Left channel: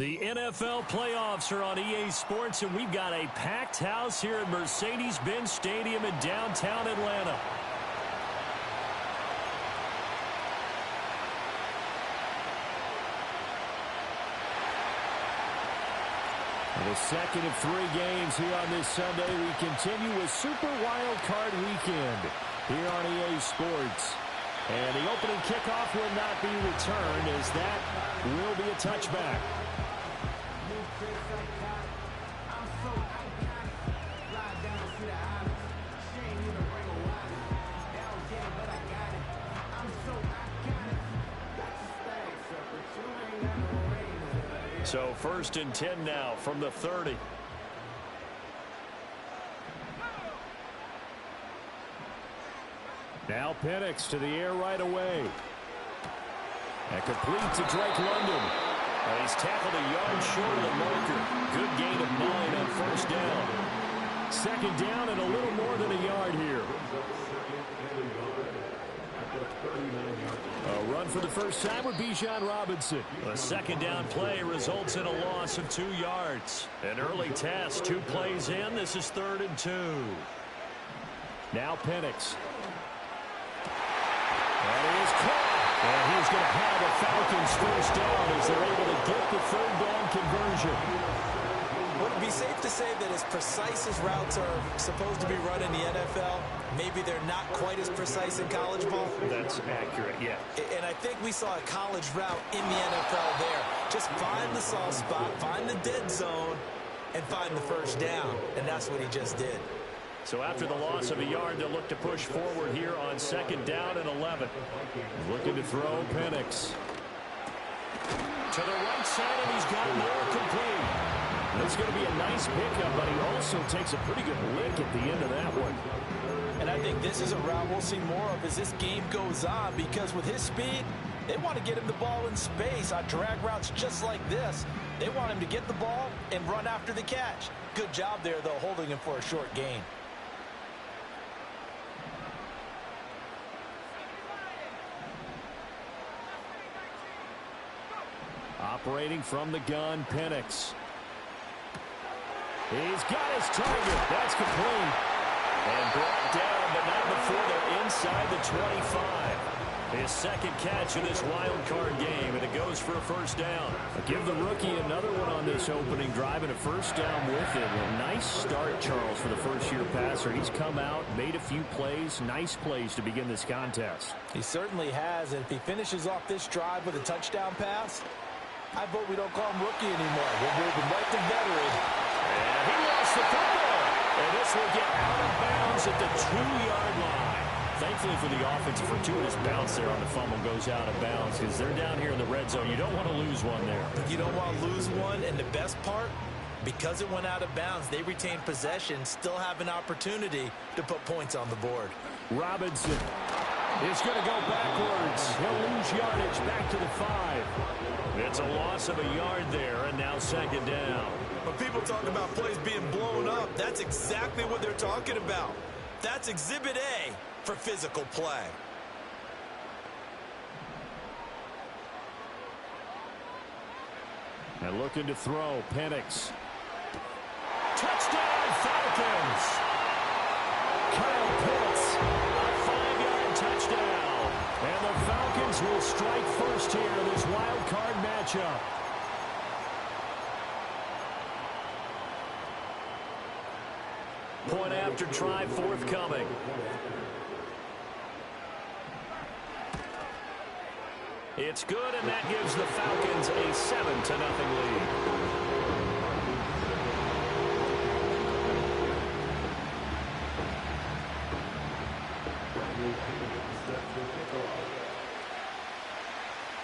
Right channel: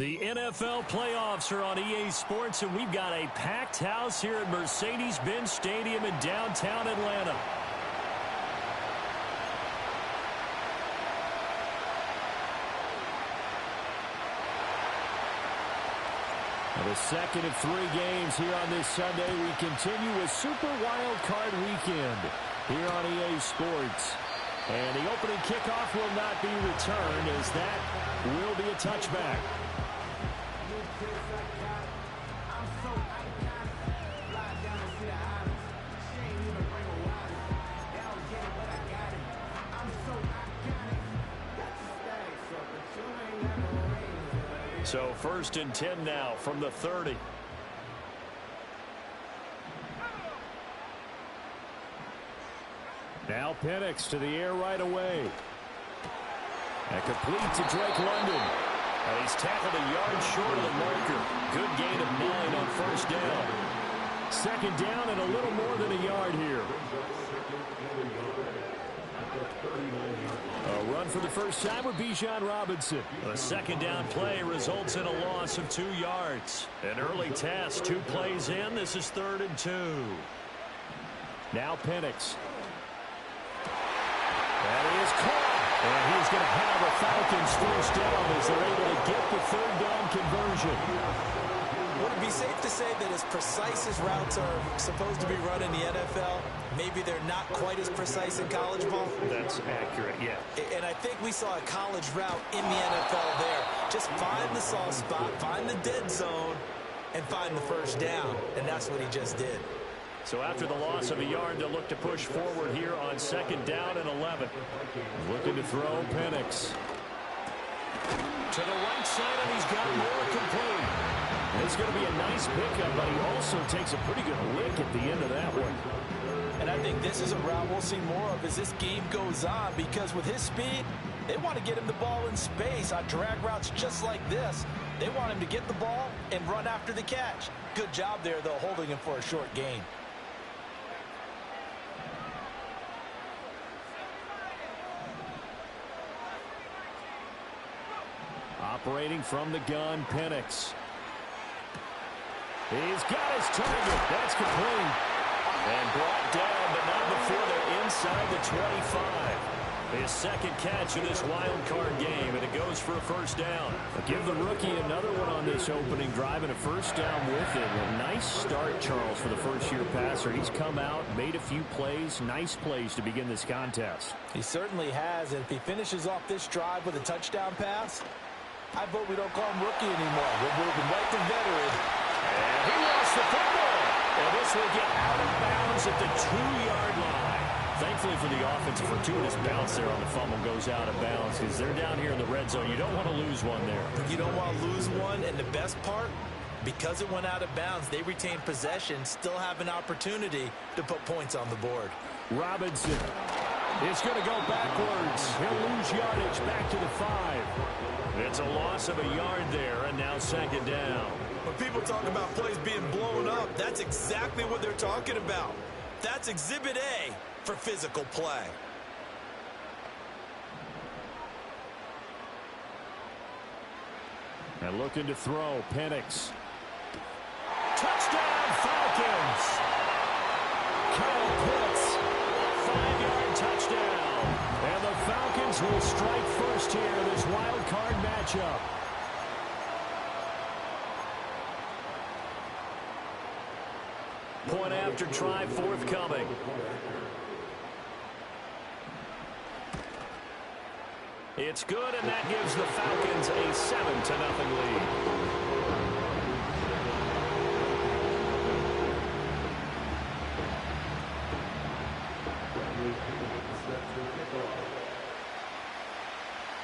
The NFL playoffs are on EA Sports, and we've got a packed house here at Mercedes-Benz Stadium in downtown Atlanta. The second of 3 games here on this Sunday. We continue with Super Wildcard Weekend here on EA Sports. And the opening kickoff will not be returned, as that will be a touchback. So 1st and 10 now from the 30. Now Penix to the air right away. And complete to Drake London. And he's tackled a yard short of the marker. Good gain of 9 on 1st down. 2nd down and a little more than a yard here. A run for the first time with Bijan Robinson. A 2nd down play results in a loss of 2 yards. An early test, 2 plays in. This is 3rd and 2. Now Penix. And he is caught. And he's going to have a Falcons first down as they're able to get the 3rd down conversion. Would it be safe to say that as precise as routes are supposed to be run in the NFL, maybe they're not quite as precise in college ball? That's accurate, yeah. And I think we saw a college route in the NFL there. Just find the soft spot, find the dead zone, and find the first down. And that's what he just did. So after the loss of a yard, they'll look to push forward here on 2nd down and 11. Looking to throw Penix. To the right side, and he's got more complete. It's going to be a nice pickup, but he also takes a pretty good lick at the end of that one. And I think this is a route we'll see more of as this game goes on, because with his speed, they want to get him the ball in space on drag routes just like this. They want him to get the ball and run after the catch. Good job there, though, holding him for a short gain. Operating from the gun, Penix. He's got his target. That's complete. And brought down, but not before they're inside the 25. His 2nd catch of this wild card game, and it goes for a first down. Give the rookie another one on this opening drive, and a first down with it. A nice start, Charles, for the first-year passer. He's come out, made a few plays, nice plays to begin this contest. He certainly has, and if he finishes off this drive with a touchdown pass, I vote we don't call him rookie anymore. We'll move him right to veteran. And he lost the football. And this will get out of bounds at the 2-yard line. Thankfully for the offense, a fortuitous bounce there on the fumble goes out of bounds, because they're down here in the red zone. You don't want to lose one there. You don't want to lose one, and the best part, because it went out of bounds, they retain possession, still have an opportunity to put points on the board. Robinson is going to go backwards. He'll lose yardage back to the 5. It's a loss of a yard there, and now 2nd down. When people talk about plays being blown up, that's exactly what they're talking about. That's Exhibit A for physical play. And looking to throw, Penix. Touchdown, Falcons! Kyle Pitts, a 5-yard touchdown. And the Falcons will strike first here in this wild card matchup. Point after try forthcoming. It's good, and that gives the Falcons a 7-0 lead.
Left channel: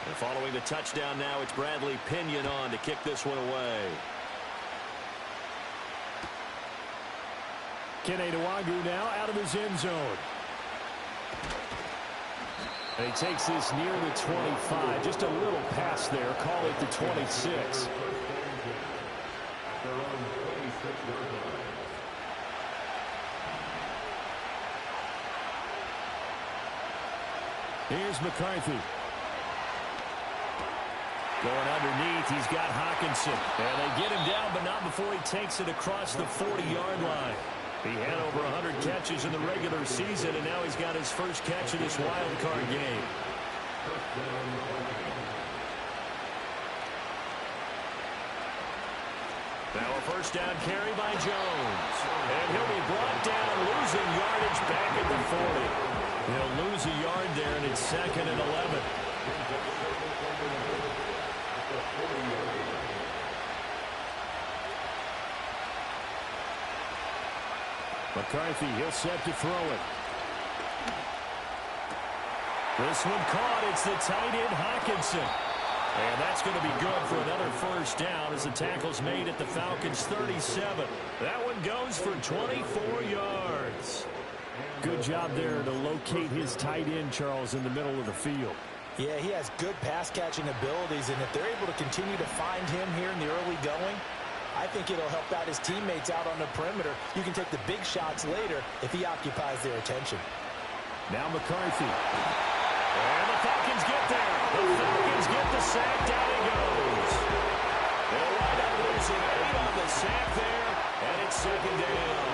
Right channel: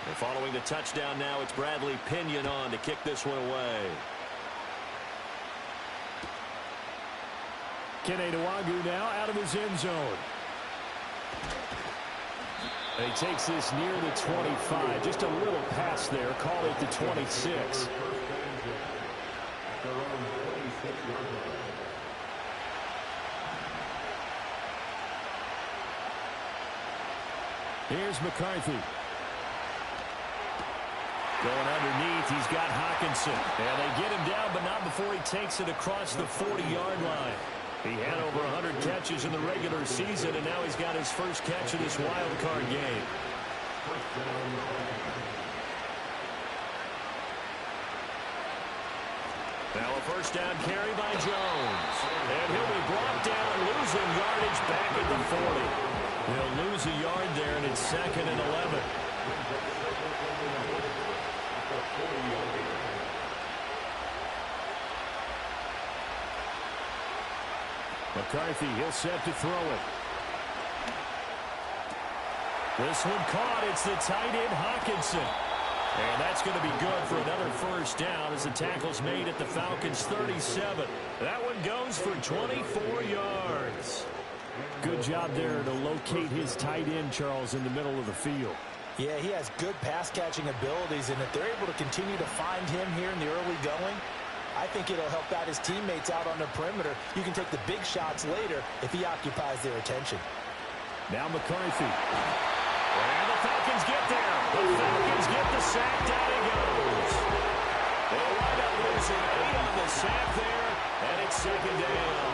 And following the touchdown now, it's Bradley Pinion on to kick this one away. Kene Nwagu now out of his end zone. And he takes this near the 25. Just a little pass there. Call it the 26. Here's McCarthy. Going underneath, he's got Hawkinson. And they get him down, but not before he takes it across the 40-yard line. He had over 100 catches in the regular season, and now he's got his first catch of this wild card game. Now a first down carry by Jones. And he'll be brought down, losing yardage back at the 40. He'll lose a yard there, and it's 2nd and 11. McCarthy, he'll set to throw it. This one caught. It's the tight end, Hawkinson. And that's going to be good for another first down as the tackle's made at the Falcons' 37. That one goes for 24 yards. Good job there to locate his tight end, Charles, in the middle of the field. Yeah, he has good pass-catching abilities, and if they're able to continue to find him here in the early going, I think it'll help out his teammates out on the perimeter. You can take the big shots later if he occupies their attention. Now McCarthy. And the Falcons get there. The Falcons get the sack. Down he goes. They'll wind up losing 8 on the sack there, and it's 2nd down.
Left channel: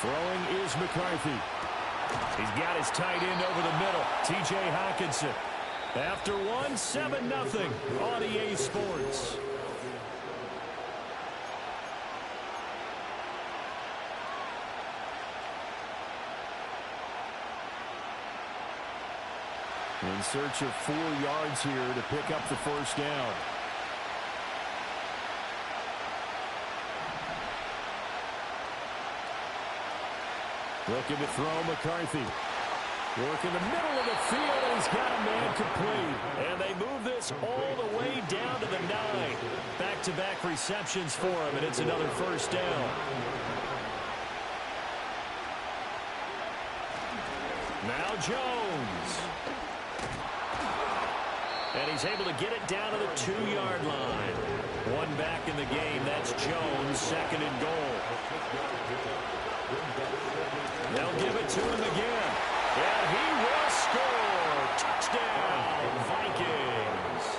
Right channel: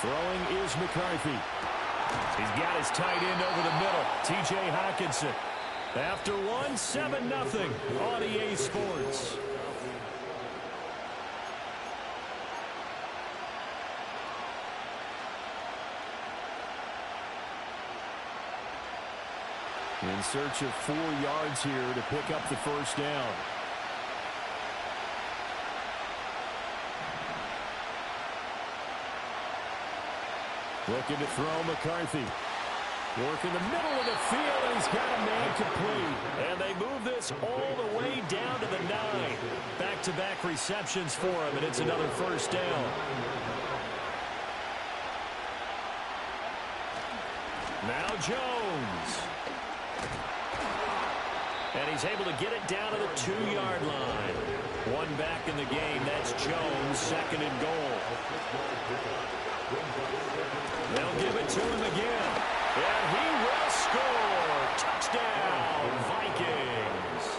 Throwing is McCarthy. He's got his tight end over the middle, T.J. Hawkinson. After 7-0 on EA Sports. In search of 4 yards here to pick up the first down. Looking to throw McCarthy. Work in the middle of the field, and he's got a man complete. And they move this all the way down to the 9. Back-to-back receptions for him, and it's another first down. Now Jones. And he's able to get it down to the 2-yard line. One back in the game. That's Jones, 2nd and goal. They'll give it to him again. And he will score. Touchdown, Vikings.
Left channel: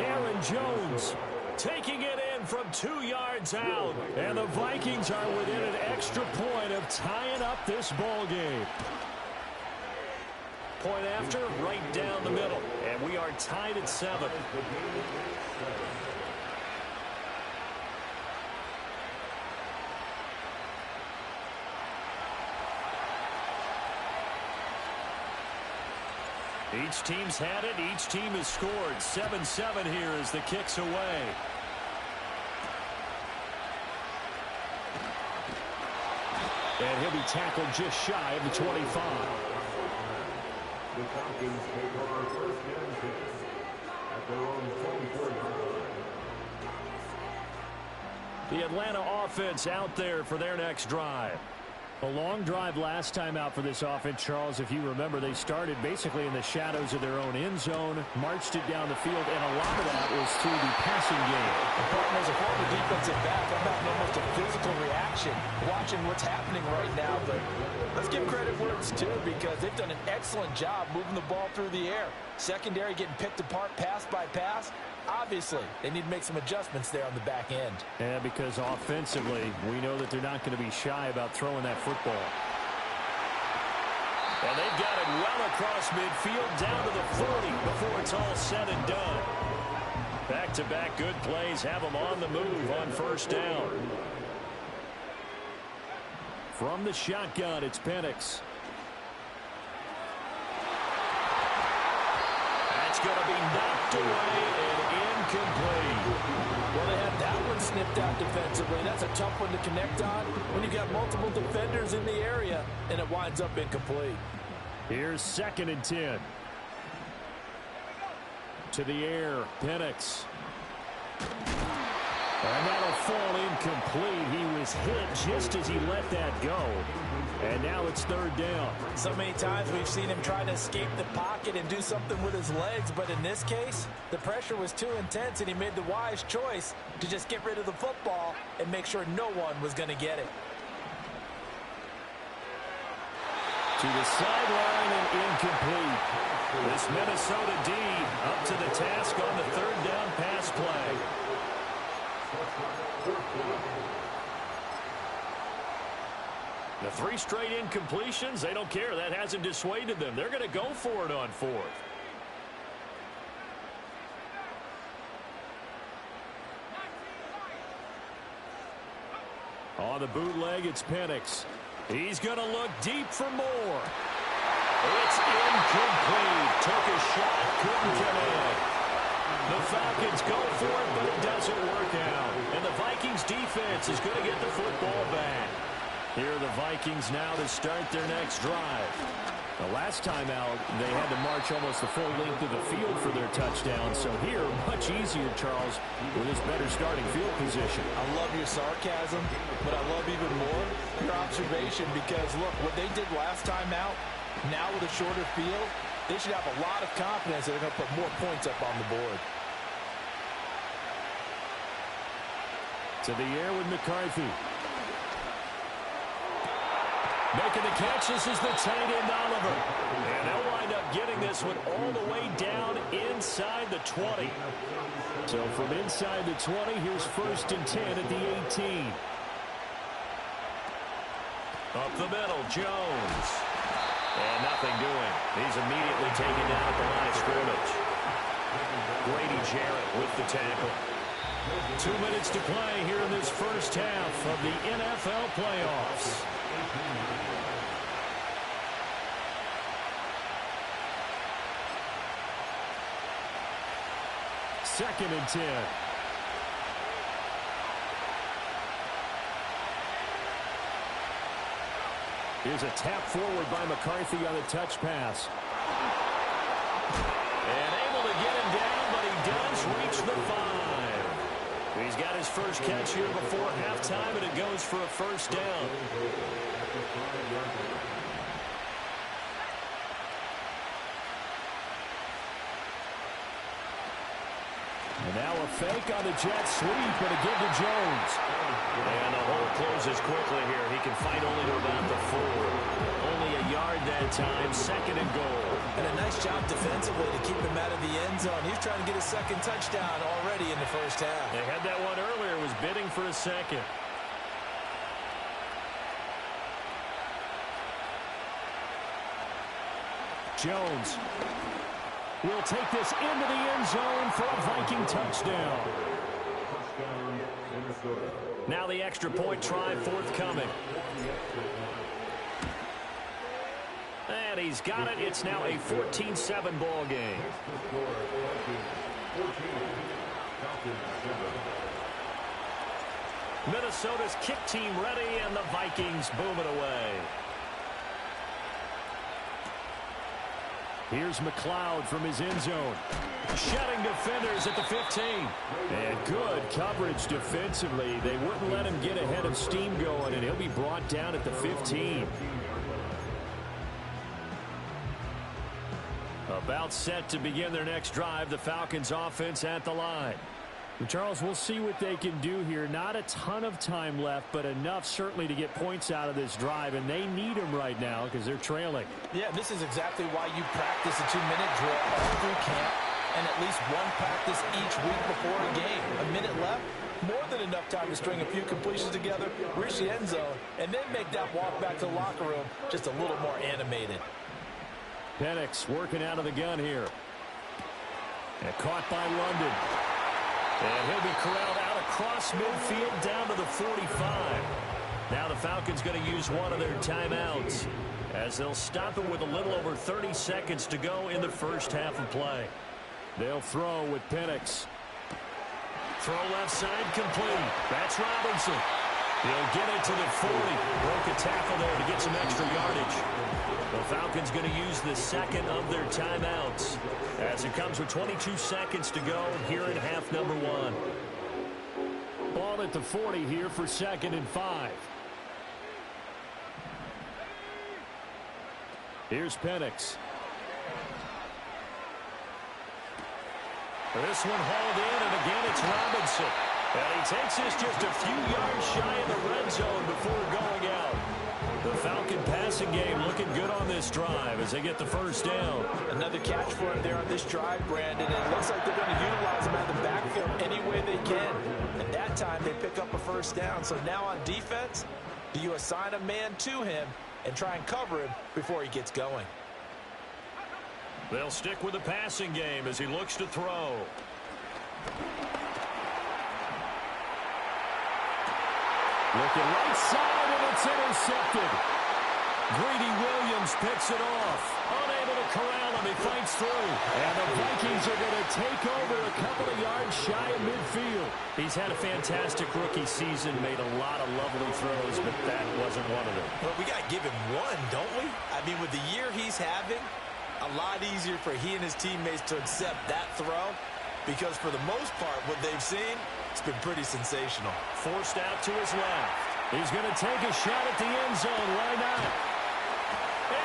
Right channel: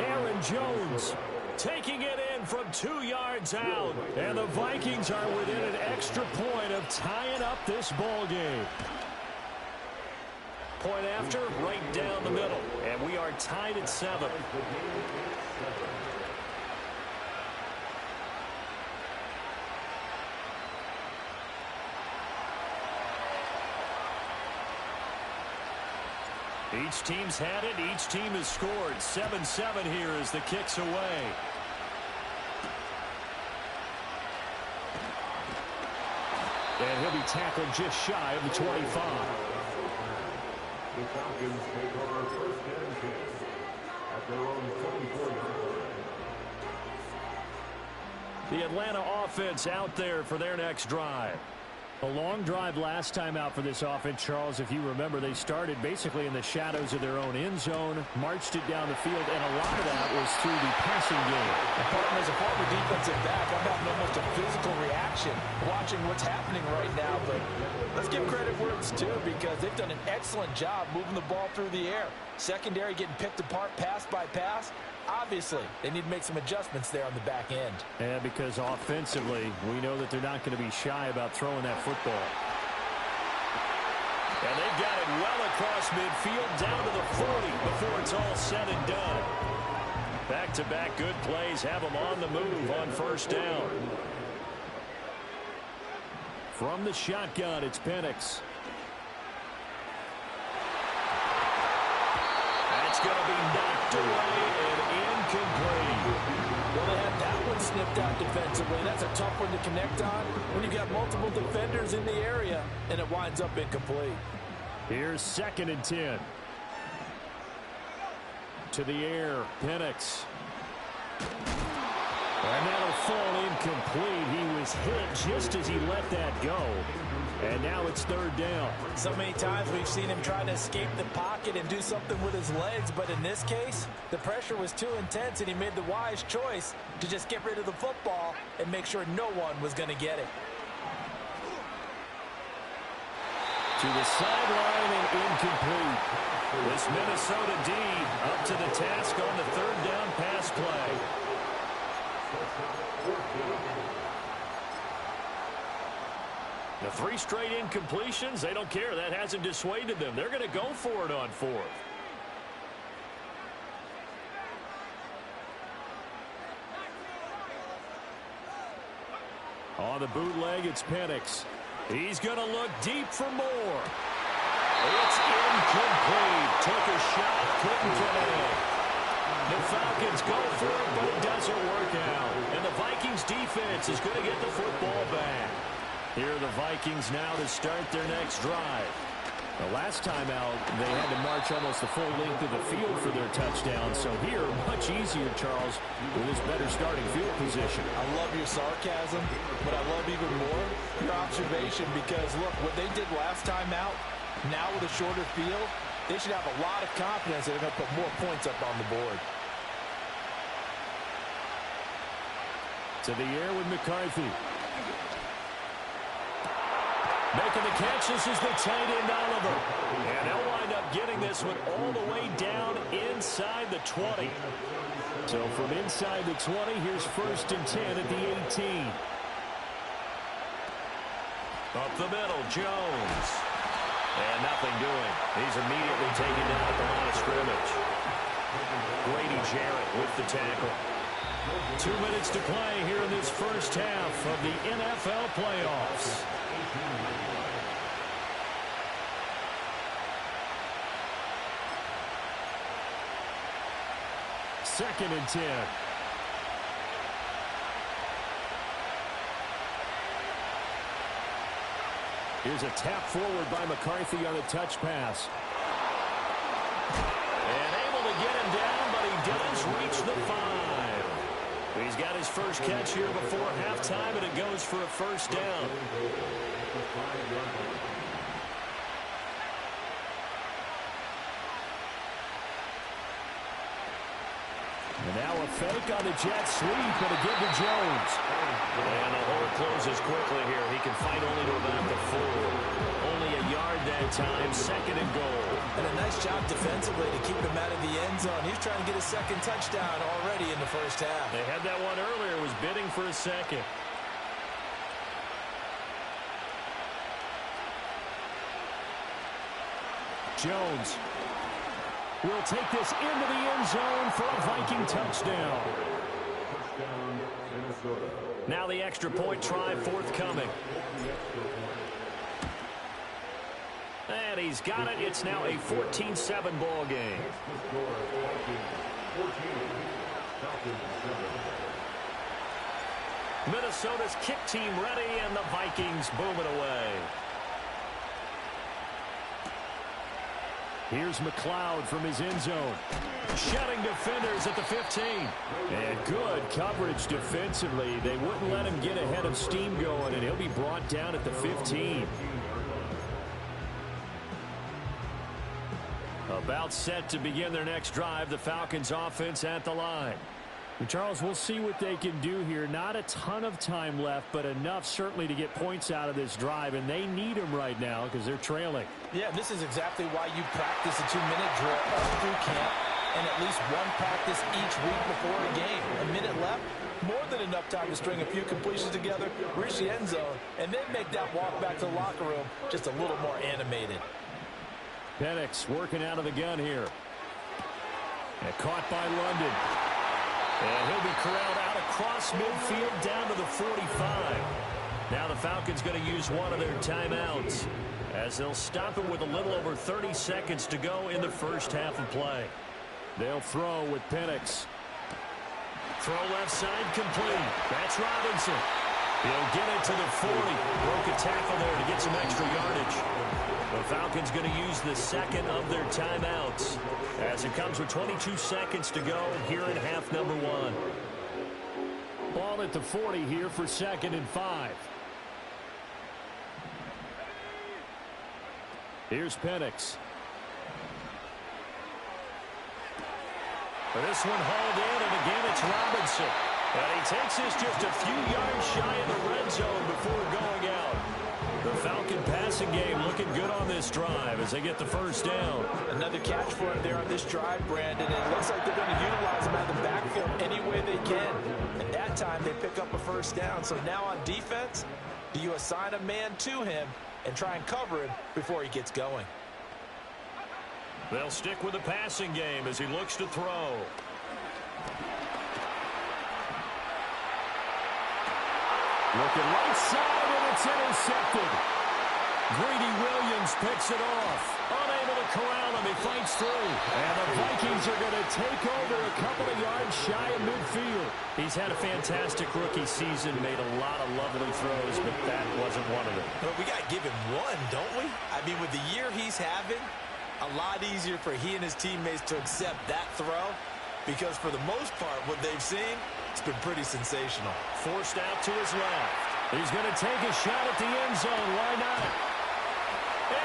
Aaron Jones taking it in from 2 yards out. And the Vikings are within an extra point of tying up this ball game. Point after, right down the middle. And we are tied at 7. Each team's had it. Each team has scored. 7-7 here as the kick's away. And he'll be tackled just shy of the 25. The Falcons take our first and 10 at their own 24-yard line. The Atlanta offense out there for their next drive. A long drive last time out for this offense, Charles. If you remember, they started basically in the shadows of their own end zone, marched it down the field, and a lot of that was through the passing game. And partner, as a former defensive back, I'm having almost a physical reaction watching what's happening right now. But let's give credit where it's due, because they've done an excellent job moving the ball through the air. Secondary getting picked apart pass by pass. Obviously, they need to make some adjustments there on the back end. Yeah, because offensively, we know that they're not going to be shy about throwing that football. And they've got it well across midfield down to the 40 before it's all said and done. Back-to-back good plays have them on the move on first down. From the shotgun, it's Penix. That's going to be knocked away and incomplete. Well, they had that one snipped out defensively. That's a tough one to connect on when you've got multiple defenders in the area, and it winds up incomplete. Here's 2nd and 10. To the air, Penix. And that'll fall incomplete. He was hit just as he let that go. And now it's 3rd down. So many times we've seen him try to escape the pocket and do something with his legs, but in this case, the pressure was too intense, and he made the wise choice to just get rid of the football and make sure no one was going to get it. To the sideline and incomplete. This Minnesota D up to the task on the third down pass play. The 3 straight incompletions, they don't care. That hasn't dissuaded them. They're going to go for it on 4th. On the bootleg, it's Penix. He's going to look deep for more. It's incomplete. Took a shot, couldn't connect. The Falcons go for it, but it doesn't work out. And the Vikings defense is going to get the football back. Here are the Vikings now to start their next drive. The last time out, they had to march almost the full length of the field for their touchdown. So here, much easier, Charles, with his better starting field position. I love your sarcasm, but I love even more your observation because, look, what they did last time out, now with a shorter field, they should have a lot of confidence that they're going to put more points up on the board. To the air with McCarthy. Making the catch, this is the tight end, Oliver. And they'll wind up getting this one all the way down inside the 20. So from inside the 20, here's 1st and 10 at the 18. Up the middle, Jones. And nothing doing. He's immediately taken down at the line of scrimmage. Grady Jarrett with the tackle. 2 minutes to play here in this first half of the NFL playoffs. Second and 10. Here's a tap forward by McCarthy on the touch pass. And able to get him down, but he does reach the 5. He's got his first catch here before halftime, and it goes for a first down. And now a fake on the jet sweep, and a give to Jones. And the hole closes quickly here. He can fight only to about the 4. Only a yard that time, 2nd and goal. And a nice job defensively to keep him out of the end zone. He's trying to get his 2nd touchdown already in the first half. They had that one earlier, was bidding for a 2nd. Jones will take this into the end zone for a Viking touchdown. Now the extra point try forthcoming. And he's got it. It's now a 14-7 ball game. Minnesota's kick team ready, and the Vikings booming away. Here's McLeod from his end zone. Shutting defenders at the 15. And good coverage defensively. They wouldn't let him get ahead of steam going, and he'll be brought down at the 15. About set to begin their next drive. The Falcons offense at the line. And Charles, we'll see what they can do here. Not a ton of time left, but enough certainly to get points out of this drive, and they need them right now because they're trailing. Yeah, this is exactly why you practice a 2-minute drill all through camp and at least one practice each week before a game. A minute left, more than enough time to string a few completions together, reach the end zone, and then make that walk back to the locker room just a little more animated. Penix working out of the gun here. And caught by London. And he'll be corralled out across midfield down to the 45. Now the Falcons going to use one of their timeouts as they'll stop it with a little over 30 seconds to go in the first half of play. They'll throw with Penix. Throw left side complete. That's Robinson. He'll get it to the 40. Broke a tackle there to get some extra yardage. The Falcons going to use the second of their timeouts as it comes with 22 seconds to go here in half number 1. Ball at the 40 here for 2nd and 5. Here's Penix. This one hauled in, and again it's Robinson. And he takes this just a few yards shy of the red zone before going out. The Falcon passing game looking good on this drive as they get the first down. Another catch for him there on this drive, Brandon. It looks like they're going to utilize him out of the backfield any way they can. And that time they pick up a first down. So now on defense, do you assign a man to him and try and cover him before he gets going? They'll stick with the passing game as he looks to throw. Looking right side, and it's intercepted. Greedy Williams picks it off. Unable to corral him. He fights through. And the Vikings are going to take over a couple of yards shy of midfield. He's had a fantastic rookie season, made a lot of lovely throws, but that wasn't one of them. Well, we got to give him one, don't we? I mean, with the year he's having, a lot easier for he and his teammates to accept that throw, because for the most part, what they've seen, it's been pretty sensational. Forced out to his left. He's going to take a shot at the end zone. Why not?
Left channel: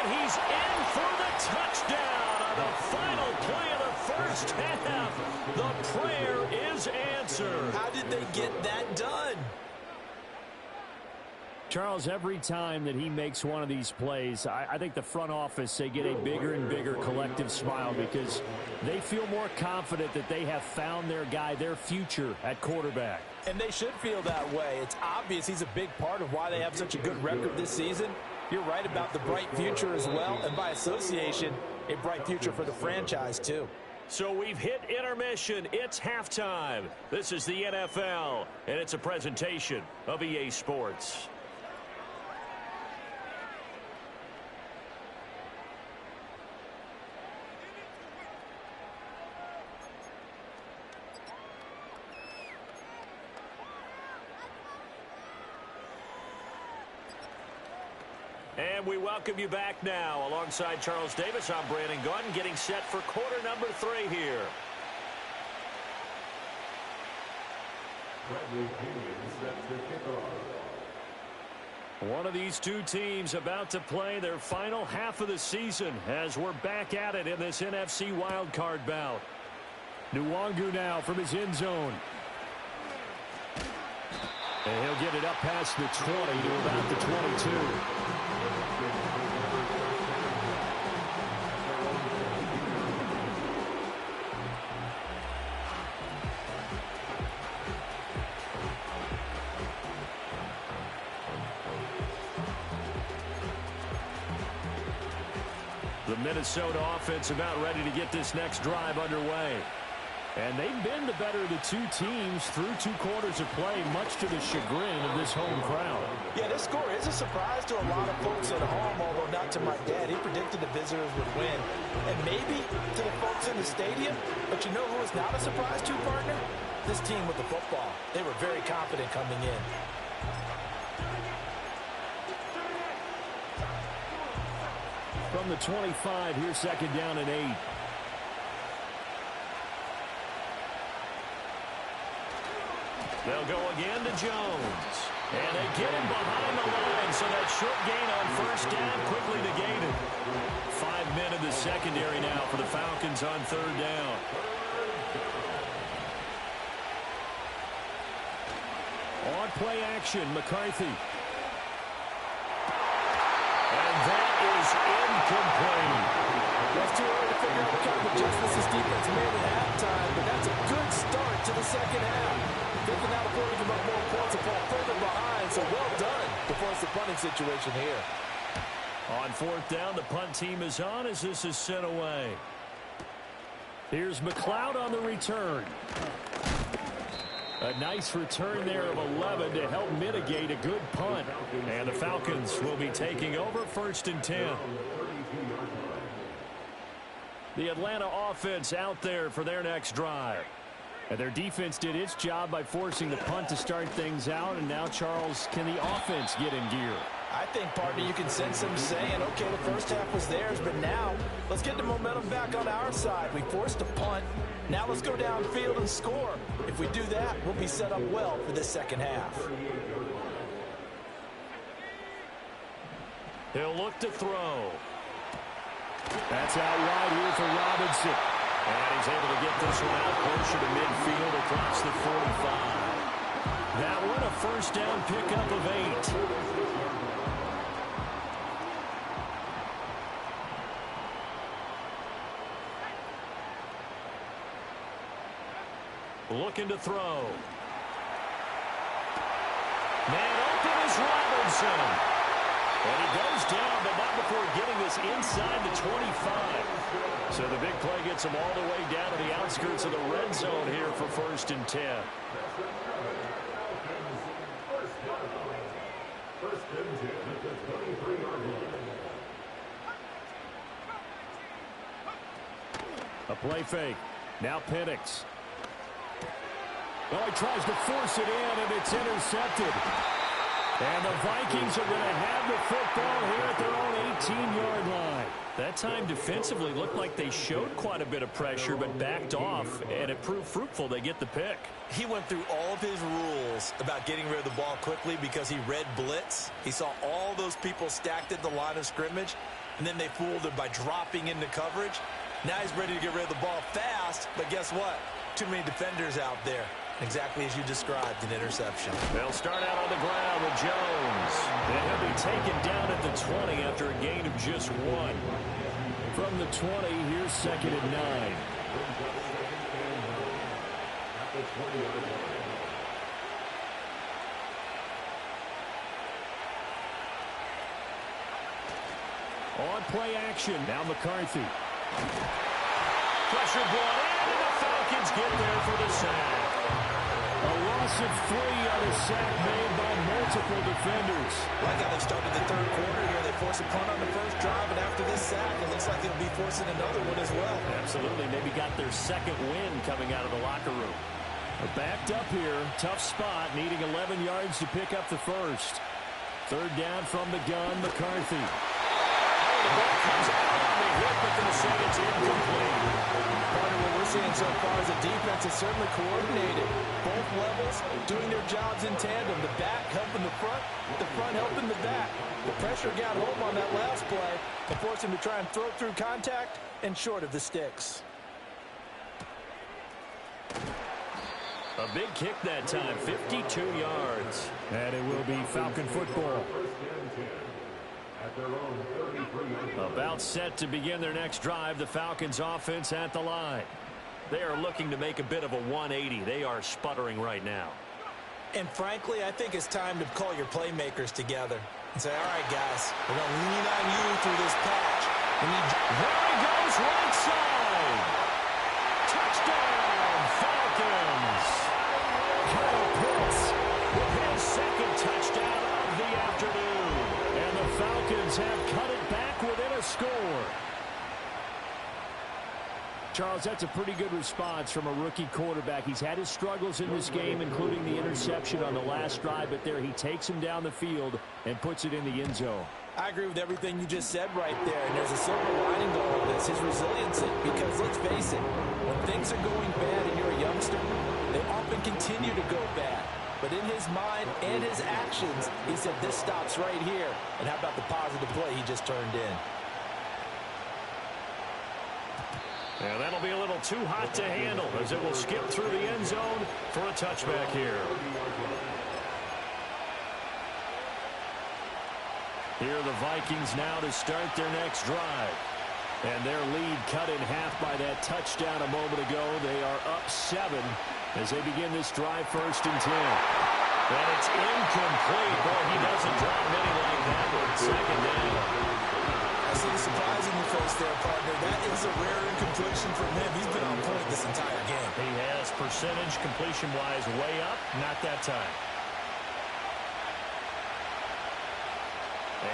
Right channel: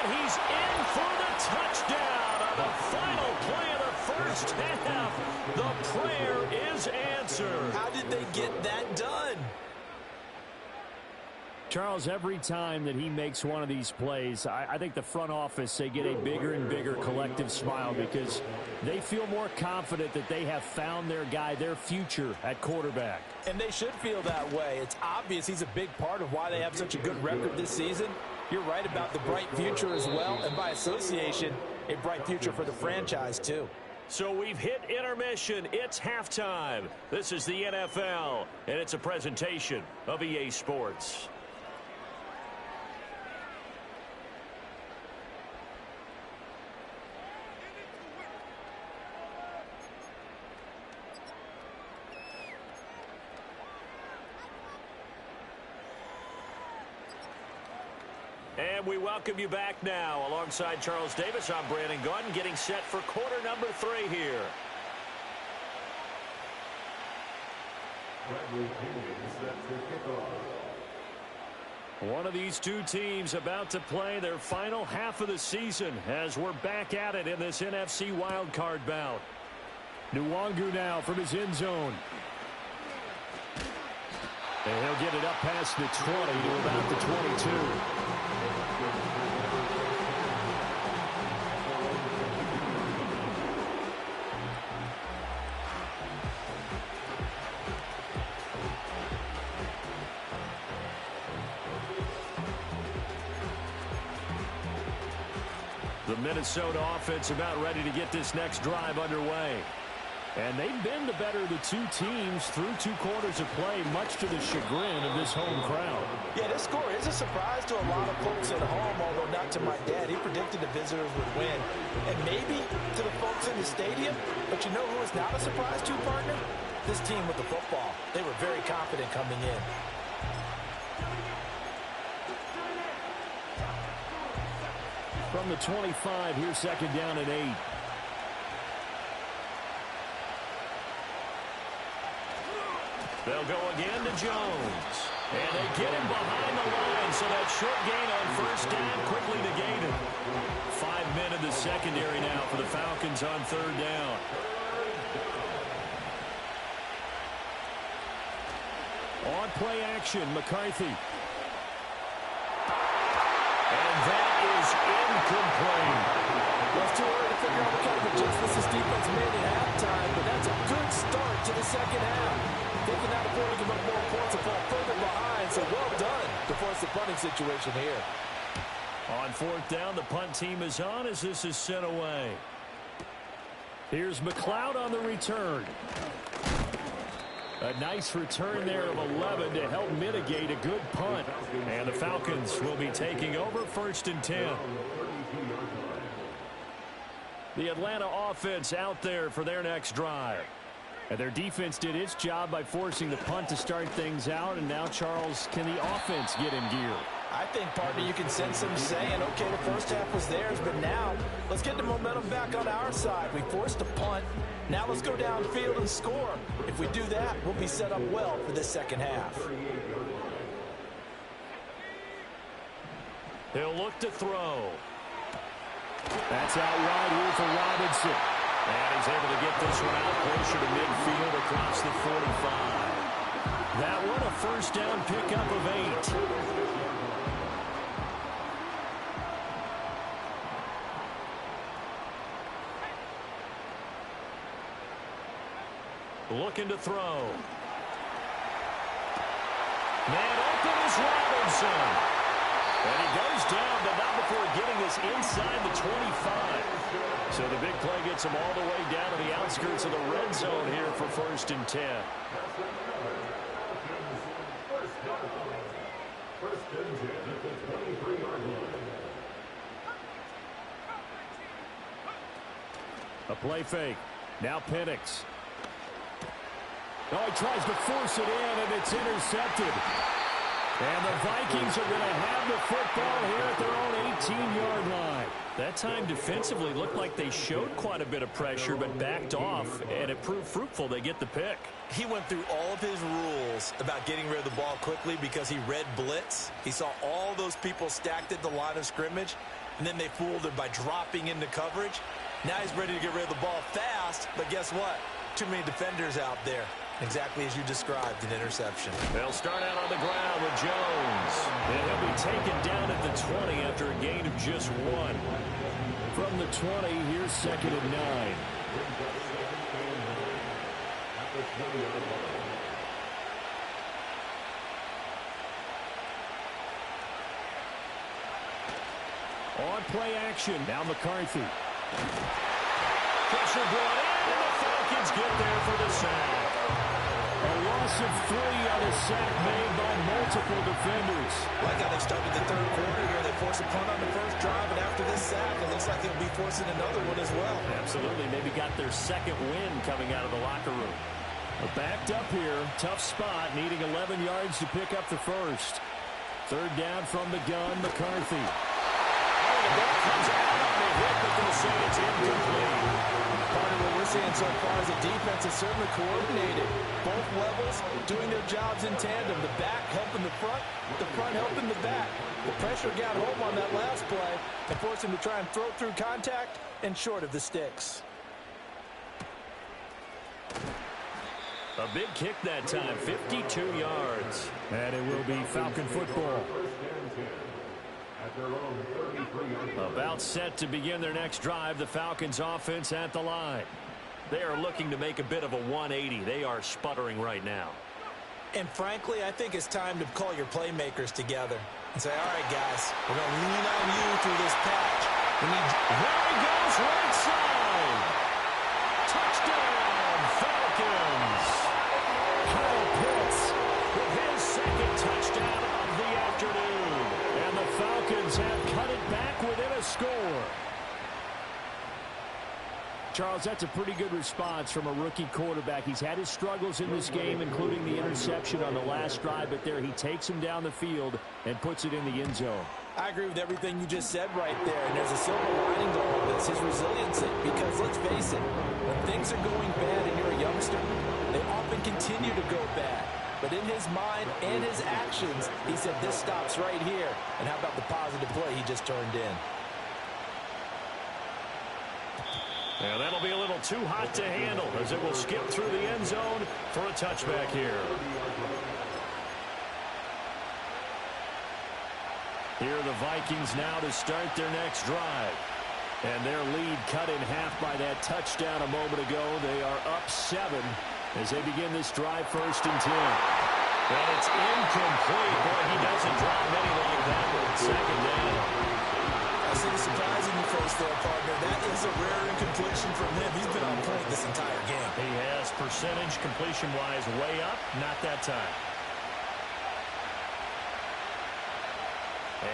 And he's in for the touchdown on the final play of the first half. The prayer is answered. How did they get that done? Charles, every time that he makes one of these plays, I think the front office, they get a bigger and bigger collective smile because they feel more confident that they have found their guy, their future at quarterback. And they should feel that way. It's obvious he's a big part of why they have such a good record this season. You're right about the bright future as well, and by association, a bright future for the franchise too. So we've hit intermission. It's halftime. This is the NFL, and it's a presentation of EA Sports. And we welcome you back now. Alongside Charles Davis, I'm Brandon Gunn, getting set for quarter number 3 here. One of these two teams about to play their final half of the season as we're back at it in this NFC Wildcard bout. Nwangu now from his end zone. And he'll get it up past the 20 to about the 22. The Minnesota offense about ready to get this next drive underway. And they've been the better of the two teams through 2 quarters of play, much to the chagrin of this home crowd. Yeah, this score is a surprise to a lot of folks at home, although not to my dad. He predicted the visitors would win. And maybe to the folks in the stadium. But you know who is not a surprise to, partner? This team with the football. They were very confident coming in. From the 25, here's second down and 8. They'll go again to Jones. And they get him behind the line, so that short gain on first down quickly negated. 5 men in the secondary now for the Falcons on third down. On play action, McCarthy. And that is incomplete. Well, it's too early to figure out what kind of adjustments this defense made at halftime, but that's a good start to the second half. They can now afford to give up more points and fall further behind, so well done to force the punting situation here. On fourth down, the punt team is on as this is sent away. Here's McLeod on the return. A nice return there of 11 to help mitigate a good punt. And the Falcons will be taking over first and 10. The Atlanta offense out there for their next drive. And their defense did its job by forcing the punt to start things out. And now, Charles, can the offense get in gear? I think, partner, you can sense them saying, okay, the first half was theirs, but now let's get the momentum back on our side. We forced a punt. Now let's go downfield and score. If we do that, we'll be set up well for this second half. He'll look to throw. That's out wide here for Robinson. And he's able to get this one out closer to midfield across the 45. That one a first down pickup of 8. Looking to throw. Man open is Robinson. And he goes down, but not before getting this inside the 25. So the big play gets him all the way down to the outskirts of the red zone here for 1st and 10. First and 10 at the 23-yard line. A play fake. Now Penix. Oh, he tries to force it in, and it's intercepted. And the Vikings are going to have the football here at their own 18-yard line. That time defensively looked like they showed quite a bit of pressure but backed off, and it proved fruitful. They get the pick. He went through all of his rules about getting rid of the ball quickly because he read blitz. He saw all those people stacked at the line of scrimmage, and then they fooled him by dropping into coverage. Now he's ready to get rid of the ball fast, but guess what? Too many defenders out there. Exactly as you described, an interception. They'll start out on the ground with Jones. And he'll be taken down at the 20 after a gain of just 1. From the 20, here's 2nd and 9. At the 20-yard line. On play action, now McCarthy. Pressure brought in, and the Falcons get there for the sack. A loss of 3 on a sack made by multiple defenders. Like how they started the third quarter here. They forced a punt on the first drive, and after this sack, it looks like they'll be forcing another one as well. Absolutely. Maybe got their second win coming out of the locker room. Backed up here. Tough spot, needing 11 yards to pick up the first. 3rd down from the gun, McCarthy. Oh, the ball comes out on the hit, but they'll say it's incomplete. Part of what we're seeing so far is the defense is certainly coordinated. Both levels doing their jobs in tandem. The back helping the front helping the back. The pressure got home on that last play and forced him to try and throw through contact and short of the sticks. A big kick that time, 52 yards. And it will be Falcon football. At their own 33-yard line. About set to begin their next drive, the Falcons offense at the line. They are looking to make a bit of a 180. They are sputtering right now. And frankly, I think it's time to call your playmakers together and say, all right, guys, we're going to lean on you through this patch. There he goes, right side. Touchdown, Falcons. Kyle Pitts With his second touchdown of the afternoon. and the Falcons have cut it back within a score. Charles, that's a pretty good response from a rookie quarterback. He's had his struggles in this game, including the interception on the last drive, but there he takes him down the field and puts it in the end zone. I agree with everything you just said right there, and there's a silver lining to all this, his resiliency, because let's face it, when things are going bad and you're a youngster, they often continue to go bad. But in his mind and his actions, he said this stops right here. And how about the positive play he just turned in? And that'll be a little too hot to handle as it will skip through the end zone for a touchback here. Here are the Vikings now to start their next drive. And their lead cut in half by that touchdown a moment ago. They are up 7 as they begin this drive, 1st and 10. And it's incomplete. Boy, he doesn't drop many like that one. 2nd down. I see the surprise in your face there, partner. That is a rare incompletion from him. He's been on point this entire game. He has percentage completion-wise way up. Not that time.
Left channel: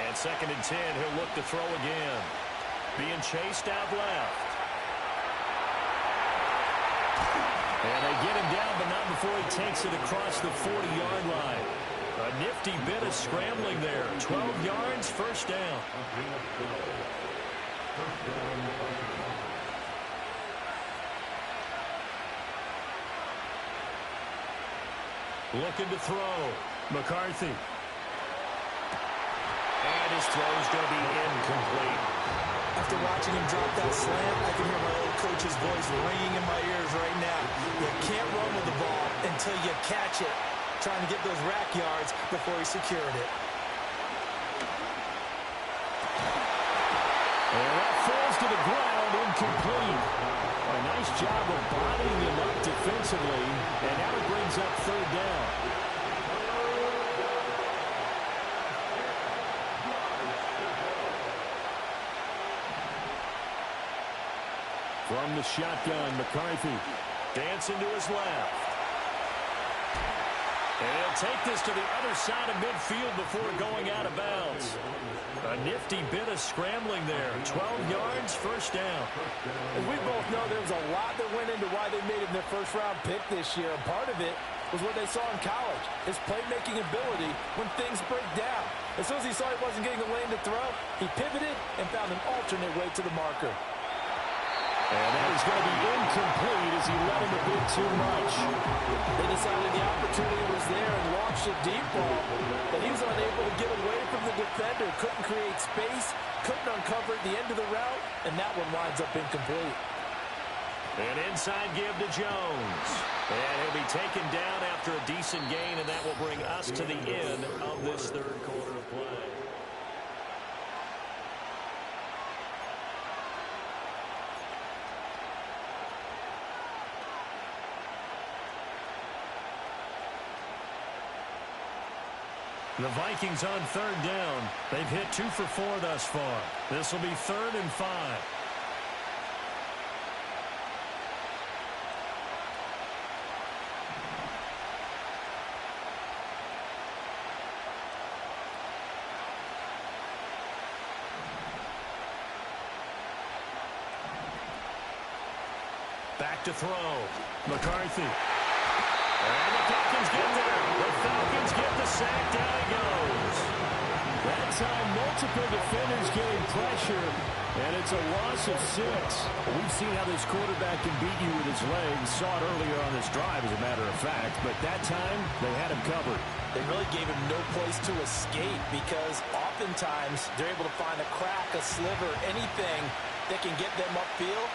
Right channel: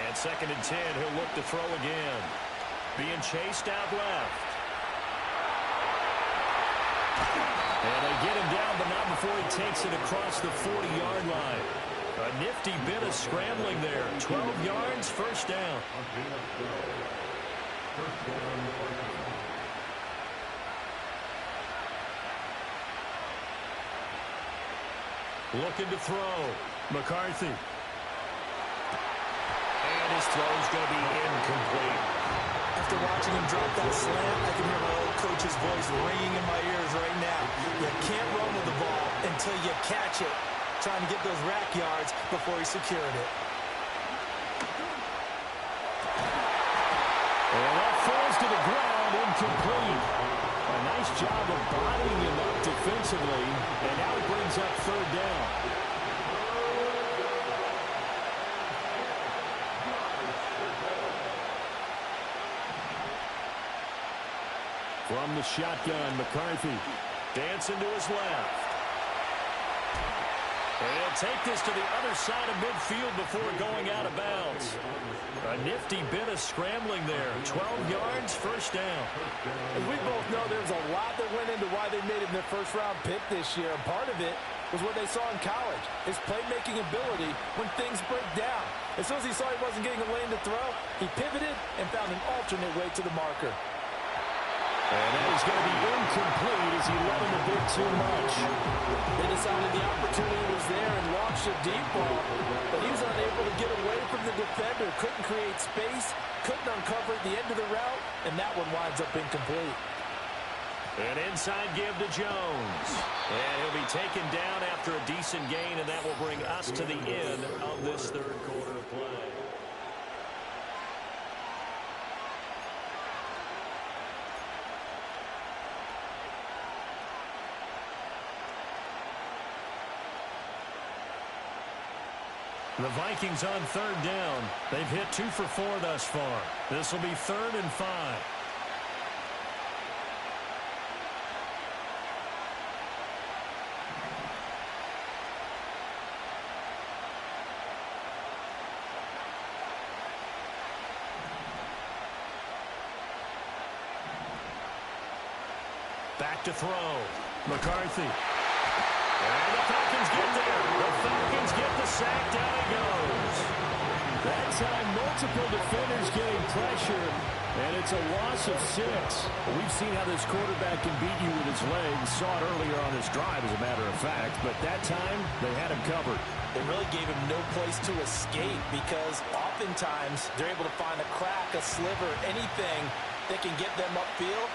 And 2nd and 10, he'll look to throw again. Being chased out left. And they get him down, but not before he takes it across the 40-yard line. A nifty bit of scrambling there. 12 yards, 1st down. Looking to throw. McCarthy. And his throw's going to be incomplete. After watching him drop that slant, I can hear my old coach's voice ringing in my ears right now. You can't run with the ball until you catch it. Trying to get those rack yards before he secured it. And that falls to the ground, incomplete. A Nice job of bodying him up defensively, and now it brings up third down. From the shotgun, McCarthy dancing to his left. And he'll take this to the other side of midfield before going out of bounds. A nifty bit of scrambling there. 12 yards, first down. As we both know, there's a lot that went into why they made him their first-round pick this year. And part of it was what they saw in college, his playmaking ability when things break down. As soon as he saw he wasn't getting a lane to throw, he pivoted and found an alternate way to the marker. And that is going to be incomplete as he led him a bit too much. They decided the opportunity was there and launched a deep ball, but he was unable to get away from the defender, couldn't create space, couldn't uncover at the end of the route, and that one winds up incomplete. An inside give to Jones. And he'll be taken down after a decent gain, and that will bring us to the end of this third quarter of play. The Vikings on third down. They've hit 2 for 4 thus far. This will be 3rd and 5. Back to throw. McCarthy. And the Falcons get there. The Falcons get the sack. Down he goes. That time, multiple defenders getting pressure, and it's a loss of 6. We've seen how this quarterback can beat you with his legs. Saw it earlier on this drive, as a matter of fact. But that time, they had him covered. They really gave him no place to escape because oftentimes they're able to find a crack, a sliver, anything that can get them upfield.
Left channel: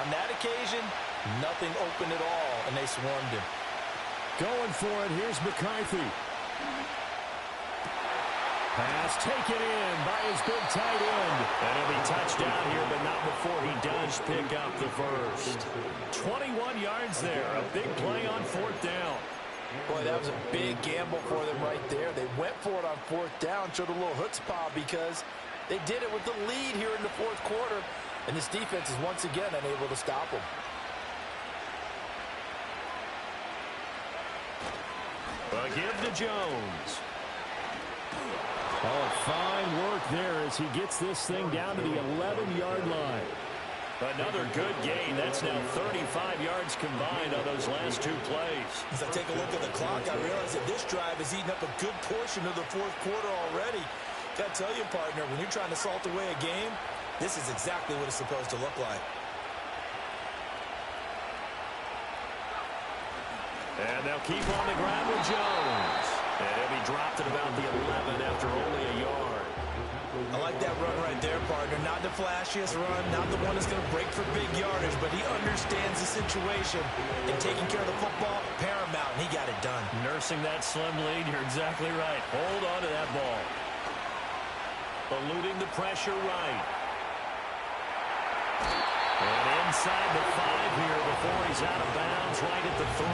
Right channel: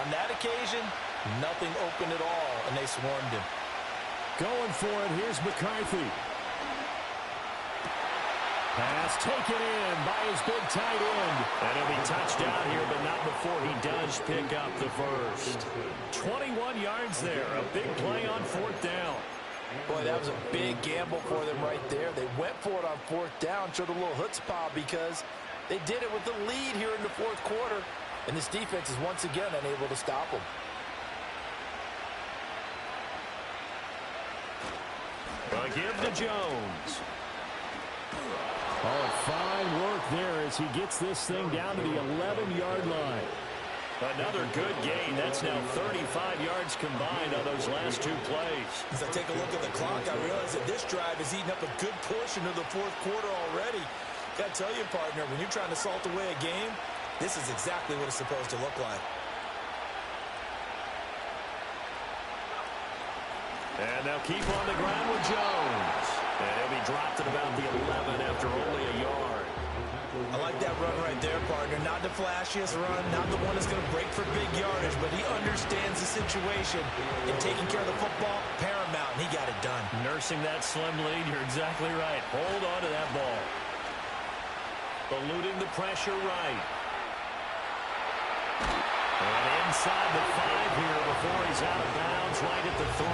On that occasion, nothing open at all, and they swarmed him. Going for it. Here's McCarthy. Pass taken in by his big tight end. And he'll be touched down here, but not before he does pick up the first. 21 yards there. A big play on 4th down. Boy, that was a big gamble for them right there. They went for it on 4th down, showed a little chutzpah because they did it with the lead here in the 4th quarter. And this defense is once again unable to stop them. A give to Jones. Oh, fine work there as he gets this thing down to the 11-yard line. Another good gain. That's now 35 yards combined on those last 2 plays. As I take a look at the clock, I realize that this drive has eaten up a good portion of the 4th quarter already. Got to tell you, partner, when you're trying to salt away a game, this is exactly what it's supposed to look like. And they'll keep on the ground with Jones. And he'll be dropped at about the 11 after only a yard. I like that run right there, partner. Not the flashiest run, not the one that's going to break for big yardage, but he understands the situation. And taking care of the football, paramount, and he got it done. Nursing that slim lead, you're exactly right. Hold on to that ball. Eluding the pressure right. And inside the 5 here before he's out of bounds, right at the 3.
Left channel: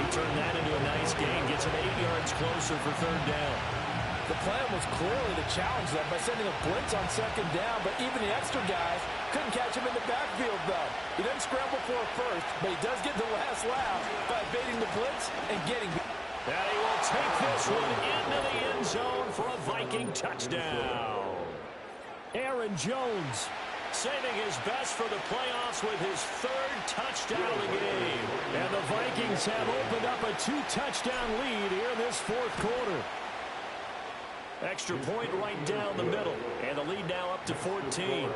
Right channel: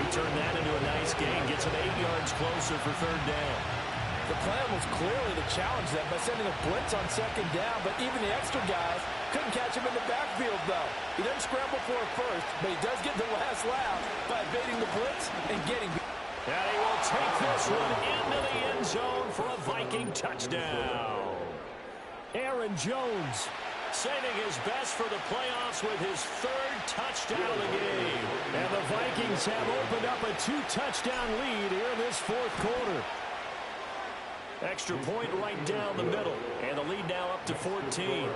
He turned that into a nice gain, gets him 8 yards closer for 3rd down. The plan was clearly to challenge them by sending a blitz on 2nd down, but even the extra guys couldn't catch him in the backfield, though. He doesn't scramble for it first, but he does get the last laugh by evading the blitz and getting... And he will take this one into the end zone for a Viking touchdown. Aaron Jones saving his best for the playoffs with his 3rd touchdown of the game. And the Vikings have opened up a 2-touchdown lead here in this 4th quarter. Extra point right down the middle. And the lead now up to 14.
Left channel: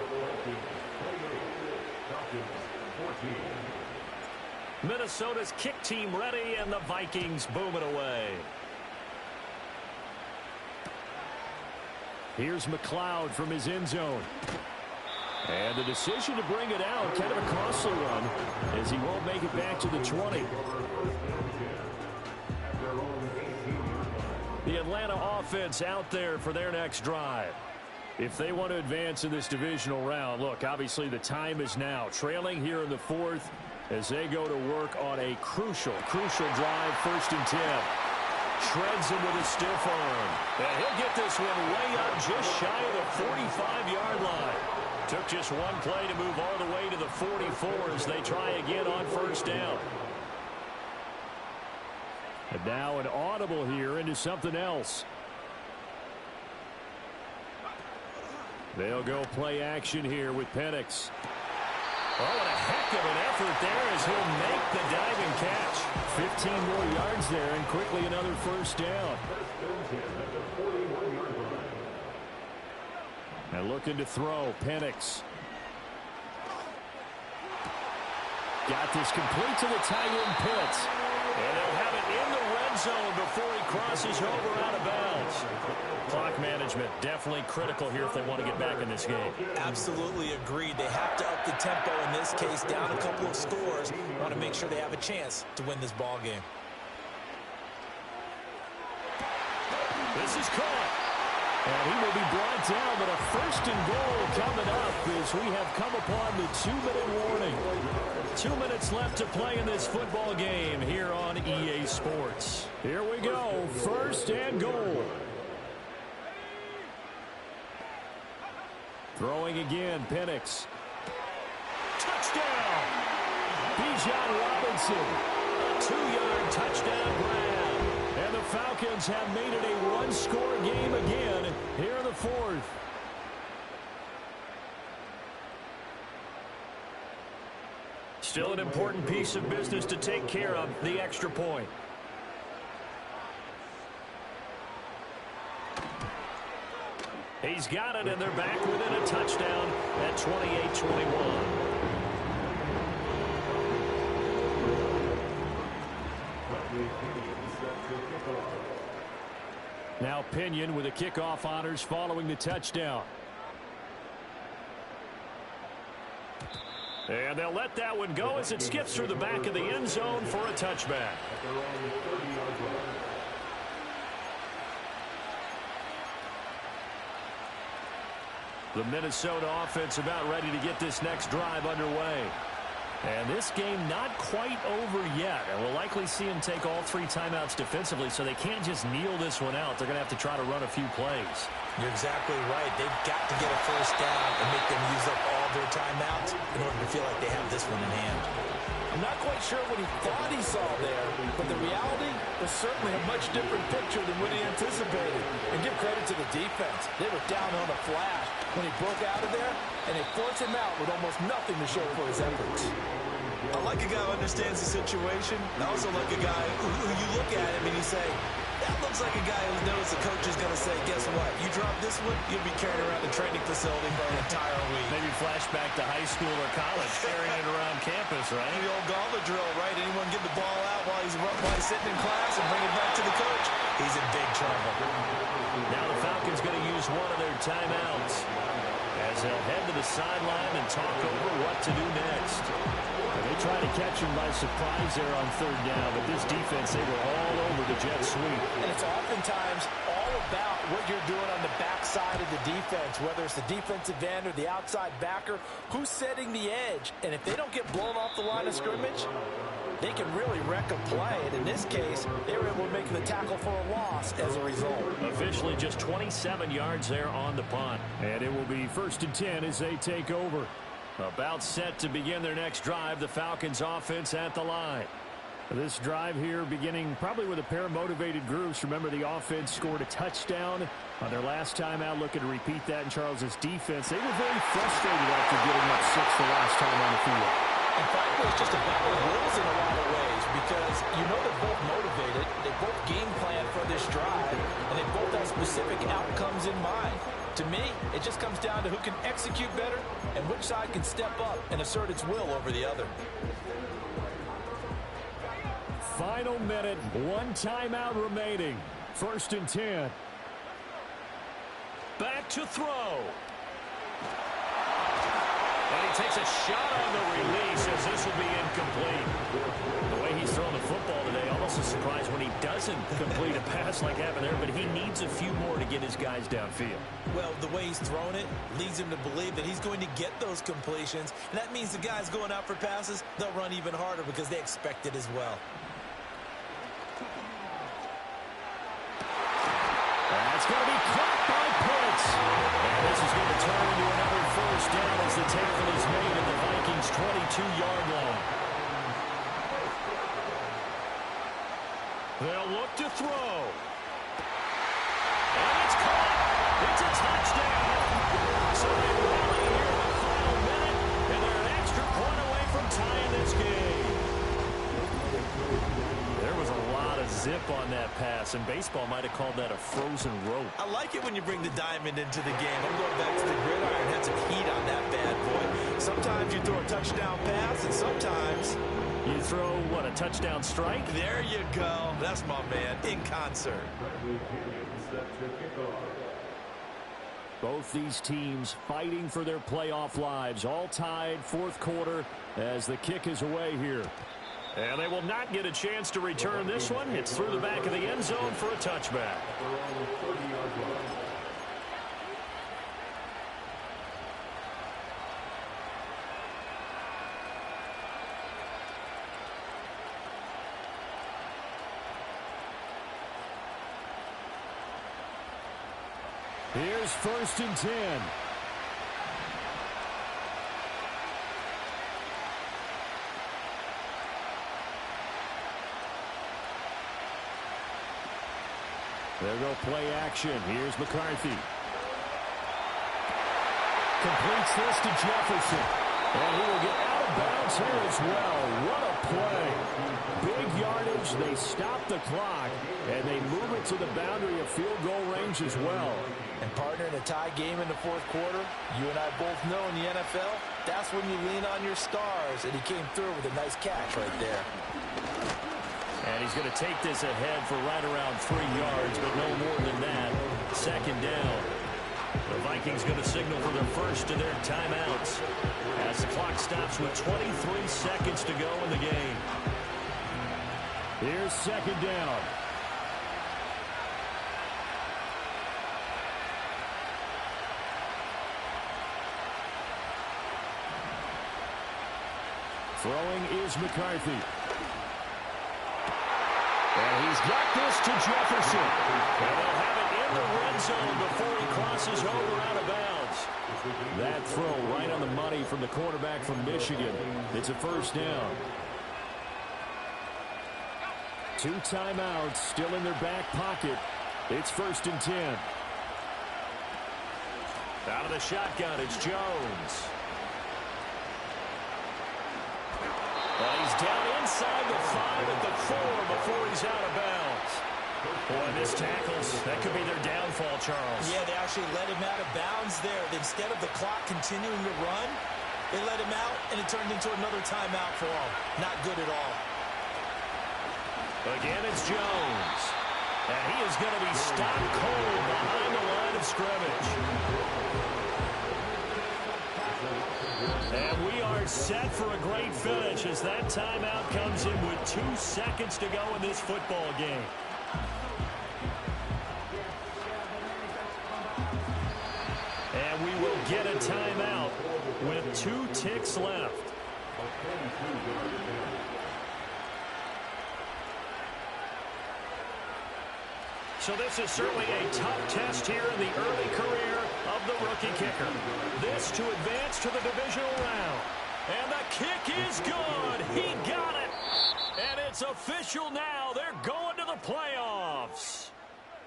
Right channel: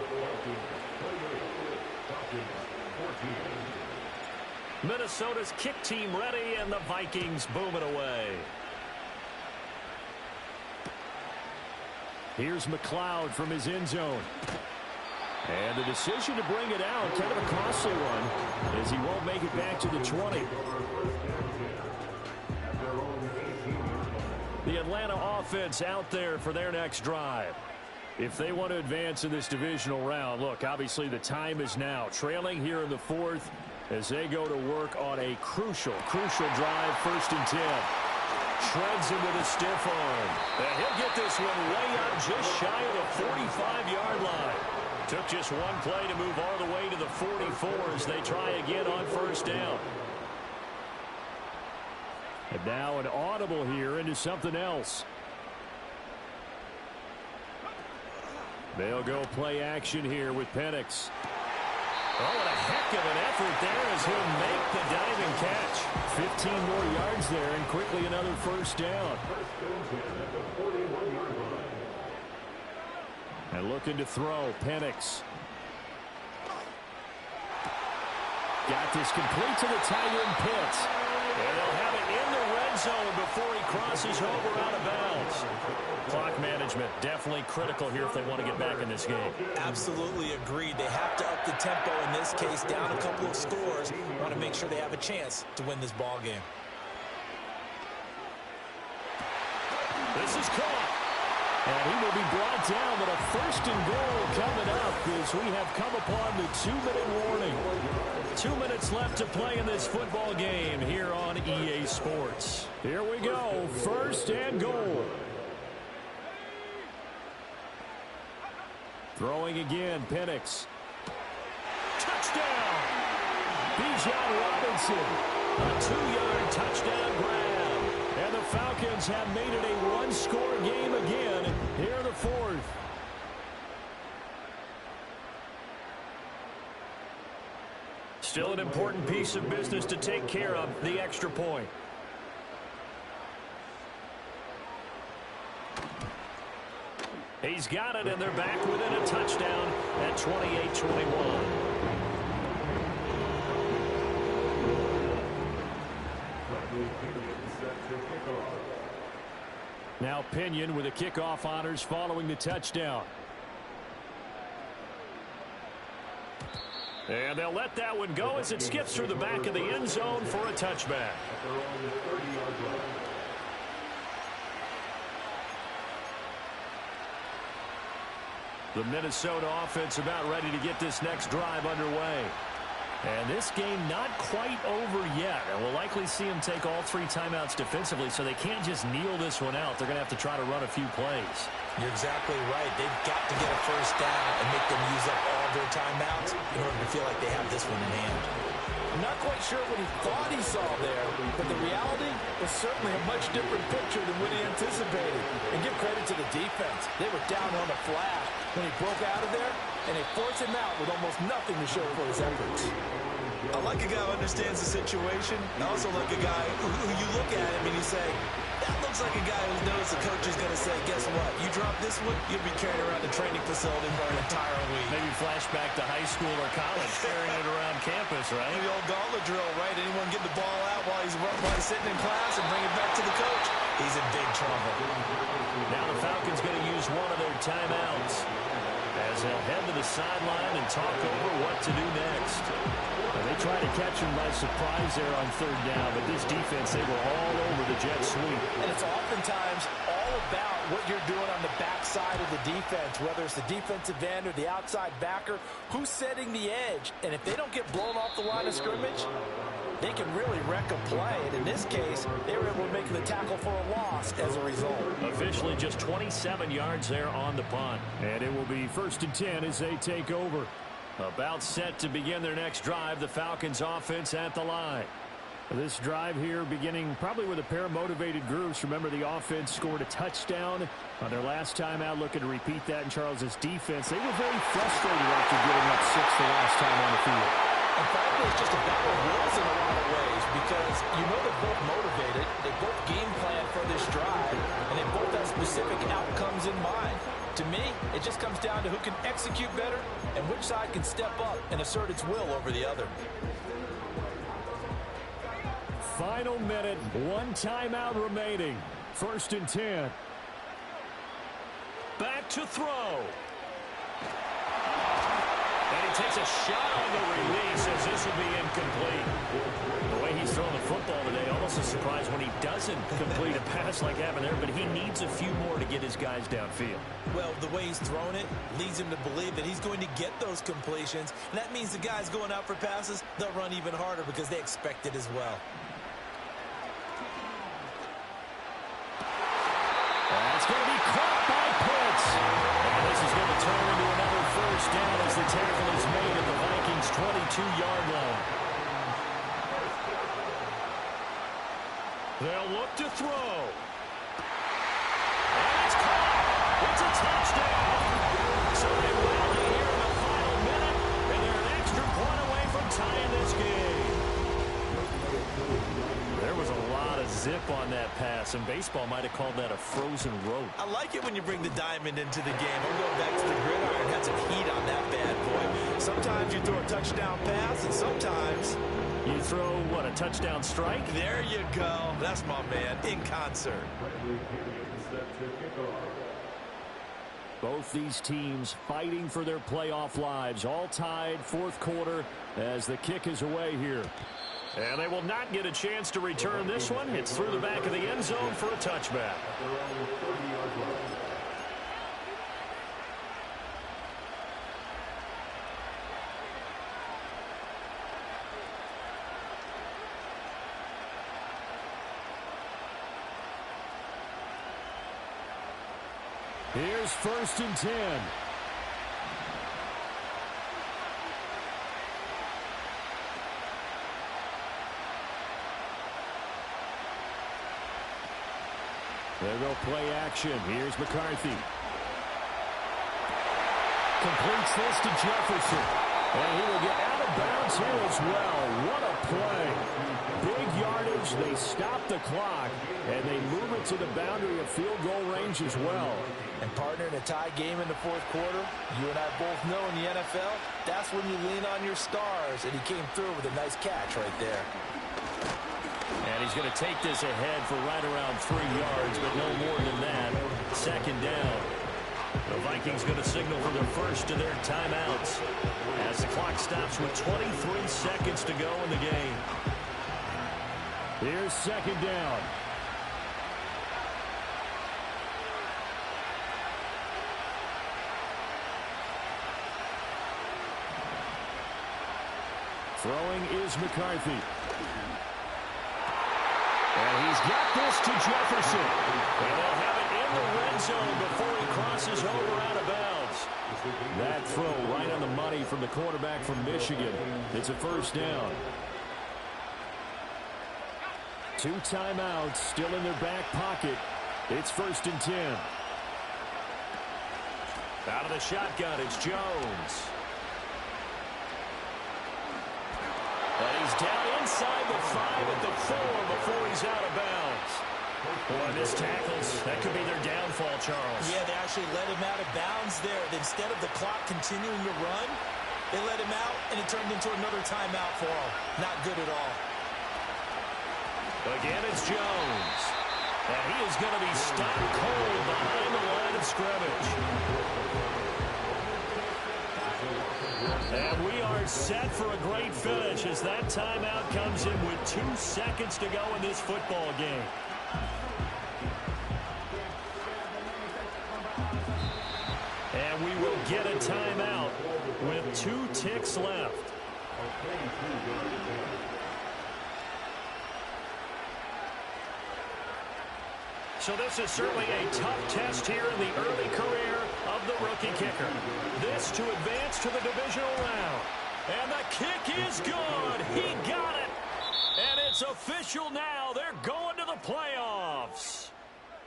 Minnesota's kick team ready, and the Vikings booming away. Here's McLeod from his end zone. And the decision to bring it out, kind of a costly one, as he won't make it back to the 20. The Atlanta offense out there for their next drive. If they want to advance in this divisional round, look, obviously the time is now. Trailing here in the fourth as they go to work on a crucial drive, 1st and 10. Shreds him with a stiff arm. And he'll get this one way up just shy of the 45-yard line. Took just one play to move all the way to the 44 as they try again on 1st down. And now an audible here into something else. They'll go play action here with Penix. Oh, what a heck of an effort there as he'll make the diving catch. 15 more yards there and quickly another 1st down. And looking to throw, Penix. Got this complete to the tight end Pitts. And they'll have it in the red zone before he crosses over out of bounds. Clock management definitely critical here if they want to get back in this game. Absolutely agreed. They have to up the tempo in this case, down a couple of scores. Want to make sure they have a chance to win this ball game. This is caught. And he will be brought down, but a 1st and goal coming up as we have come upon the 2-minute warning. 2 minutes left to play in this football game here on EA Sports. Here we go, 1st and goal. Throwing again, Penix. Touchdown! Bijan Robinson, a 2-yard touchdown grab. And the Falcons have made it a one-score game again here in the 4th. Still an important piece of business to take care of, the extra point. He's got it, and they're back within a touchdown at 28-21. Now Pinion with the kickoff honors following the touchdown. And they'll let that one go as it skips through the back of the end zone for a touchback. The Minnesota offense about ready to get this next drive underway. And this game not quite over yet. And we'll likely see them take all 3 timeouts defensively, so they can't just kneel this one out. They're going to have to try to run a few plays. You're exactly right. They've got to get a 1st down and make them use up all their timeouts in order to feel like they have this one in hand. I'm not quite sure what he thought he saw there, but the reality was certainly a much different picture than what he anticipated. And give credit to the defense. They were down on a flash when he broke out of there, and they forced him out with almost nothing to show for his efforts. I like a guy who understands the situation. I also like a guy who you look at him and you say, that looks like a guy who knows the coach is going to say, guess what? You drop this one, you'll be carrying around the training facility for an entire week. Maybe flashback to high school or college, carrying it around campus, right? The old gauntlet drill, right? Anyone get the ball out while he's sitting in class and bring it back to the coach? He's in big trouble. Now the Falcons going to use one of their timeouts as they'll head to the sideline and talk over what to do next. They try to catch him by surprise there on 3rd down, but this defense, they were all over the jet sweep. And it's oftentimes all about what you're doing on the backside of the defense, whether it's the defensive end or the outside backer, who's setting the edge. And if they don't get blown off the line of scrimmage, they can really wreck a play. And in this case, they were able to make the tackle for a loss as a result. Officially just 27 yards there on the punt. And it will be 1st and 10 as they take over. About set to begin their next drive, the Falcons offense at the line. This drive here beginning probably with a pair of motivated groups. Remember, the offense scored a touchdown on their last time out, looking to repeat that in Charles's defense. They were very frustrated after getting up 6 the last time on the field. And frankly, it's just a battle of wills in a lot of ways because you know they're both motivated, they both game plan for this drive, and they both have specific outcomes in mind. To me, it just comes down to who can execute better and which side can step up and assert its will over the other. Final minute, 1 timeout remaining. 1st and 10. Back to throw. And he takes a shot on the release as this will be incomplete. The way he's throwing the football today, almost a surprise when he doesn't complete a pass like happened there, but he needs a few more to get his guys downfield. Well, the way he's thrown it leads him to believe that he's going to get those completions. And that means the guys going out for passes, they'll run even harder because they expect it as well. That's going to be caught by Pitts. And this is going to turn into another first down as the tackle is made at the Vikings' 22-yard line. They'll look to throw. And it's caught. It's a touchdown. So they rally here in the final minute, and they're an extra point away from tying this game. There was a lot of zip on that pass, and baseball might have called that a frozen rope. I like it when you bring the diamond into the game. I'm going back to the gridiron. Had some heat on that bad boy. Sometimes you throw a touchdown pass, and sometimes you throw, what, a touchdown strike? There you go. That's my man, in concert. Both these teams fighting for their playoff lives, all tied fourth quarter as the kick is away here. And they will not get a chance to return this one. It's through the back of the end zone for a touchback. Here's 1st and 10. There go play action. Here's McCarthy. Completes this to Jefferson. And he will get out of bounds here as well. What a play. Big yardage. They stop the clock. And they move it to the boundary of field goal range as well. And partner, in a tie game in the fourth quarter, you and I both know in the NFL, that's when you lean on your stars. And he came through with a nice catch right there. And he's going to take this ahead for right around 3 yards, but no more than that. 2nd down. The Vikings going to signal for their first of their timeouts as the clock stops with 23 seconds to go in the game. Here's 2nd down. Throwing is McCarthy. And he's got this to Jefferson. And they'll have it in the red zone before he crosses over out of bounds. That throw right on the money from the quarterback from Michigan. It's a 1st down. 2 timeouts still in their back pocket. It's 1st and 10. Out of the shotgun, it's Jones. And he's down inside the 5 at the 4 before he's out of bounds. Boy, this tackles, that could be their downfall, Charles. Yeah, they actually let him out of bounds there. Instead of the clock continuing to run, they let him out, and it turned into another timeout for him. Not good at all. Again, it's Jones. And he is going to be stopped cold behind the line of scrimmage. And we are set for a great finish as that timeout comes in with 2 seconds to go in this football game. And we will get a timeout with 2 ticks left. So this is certainly a tough test here in the early career of the rookie kicker. This to advance to the divisional round. And the kick is good. He got it. And it's official now. They're going to the playoffs.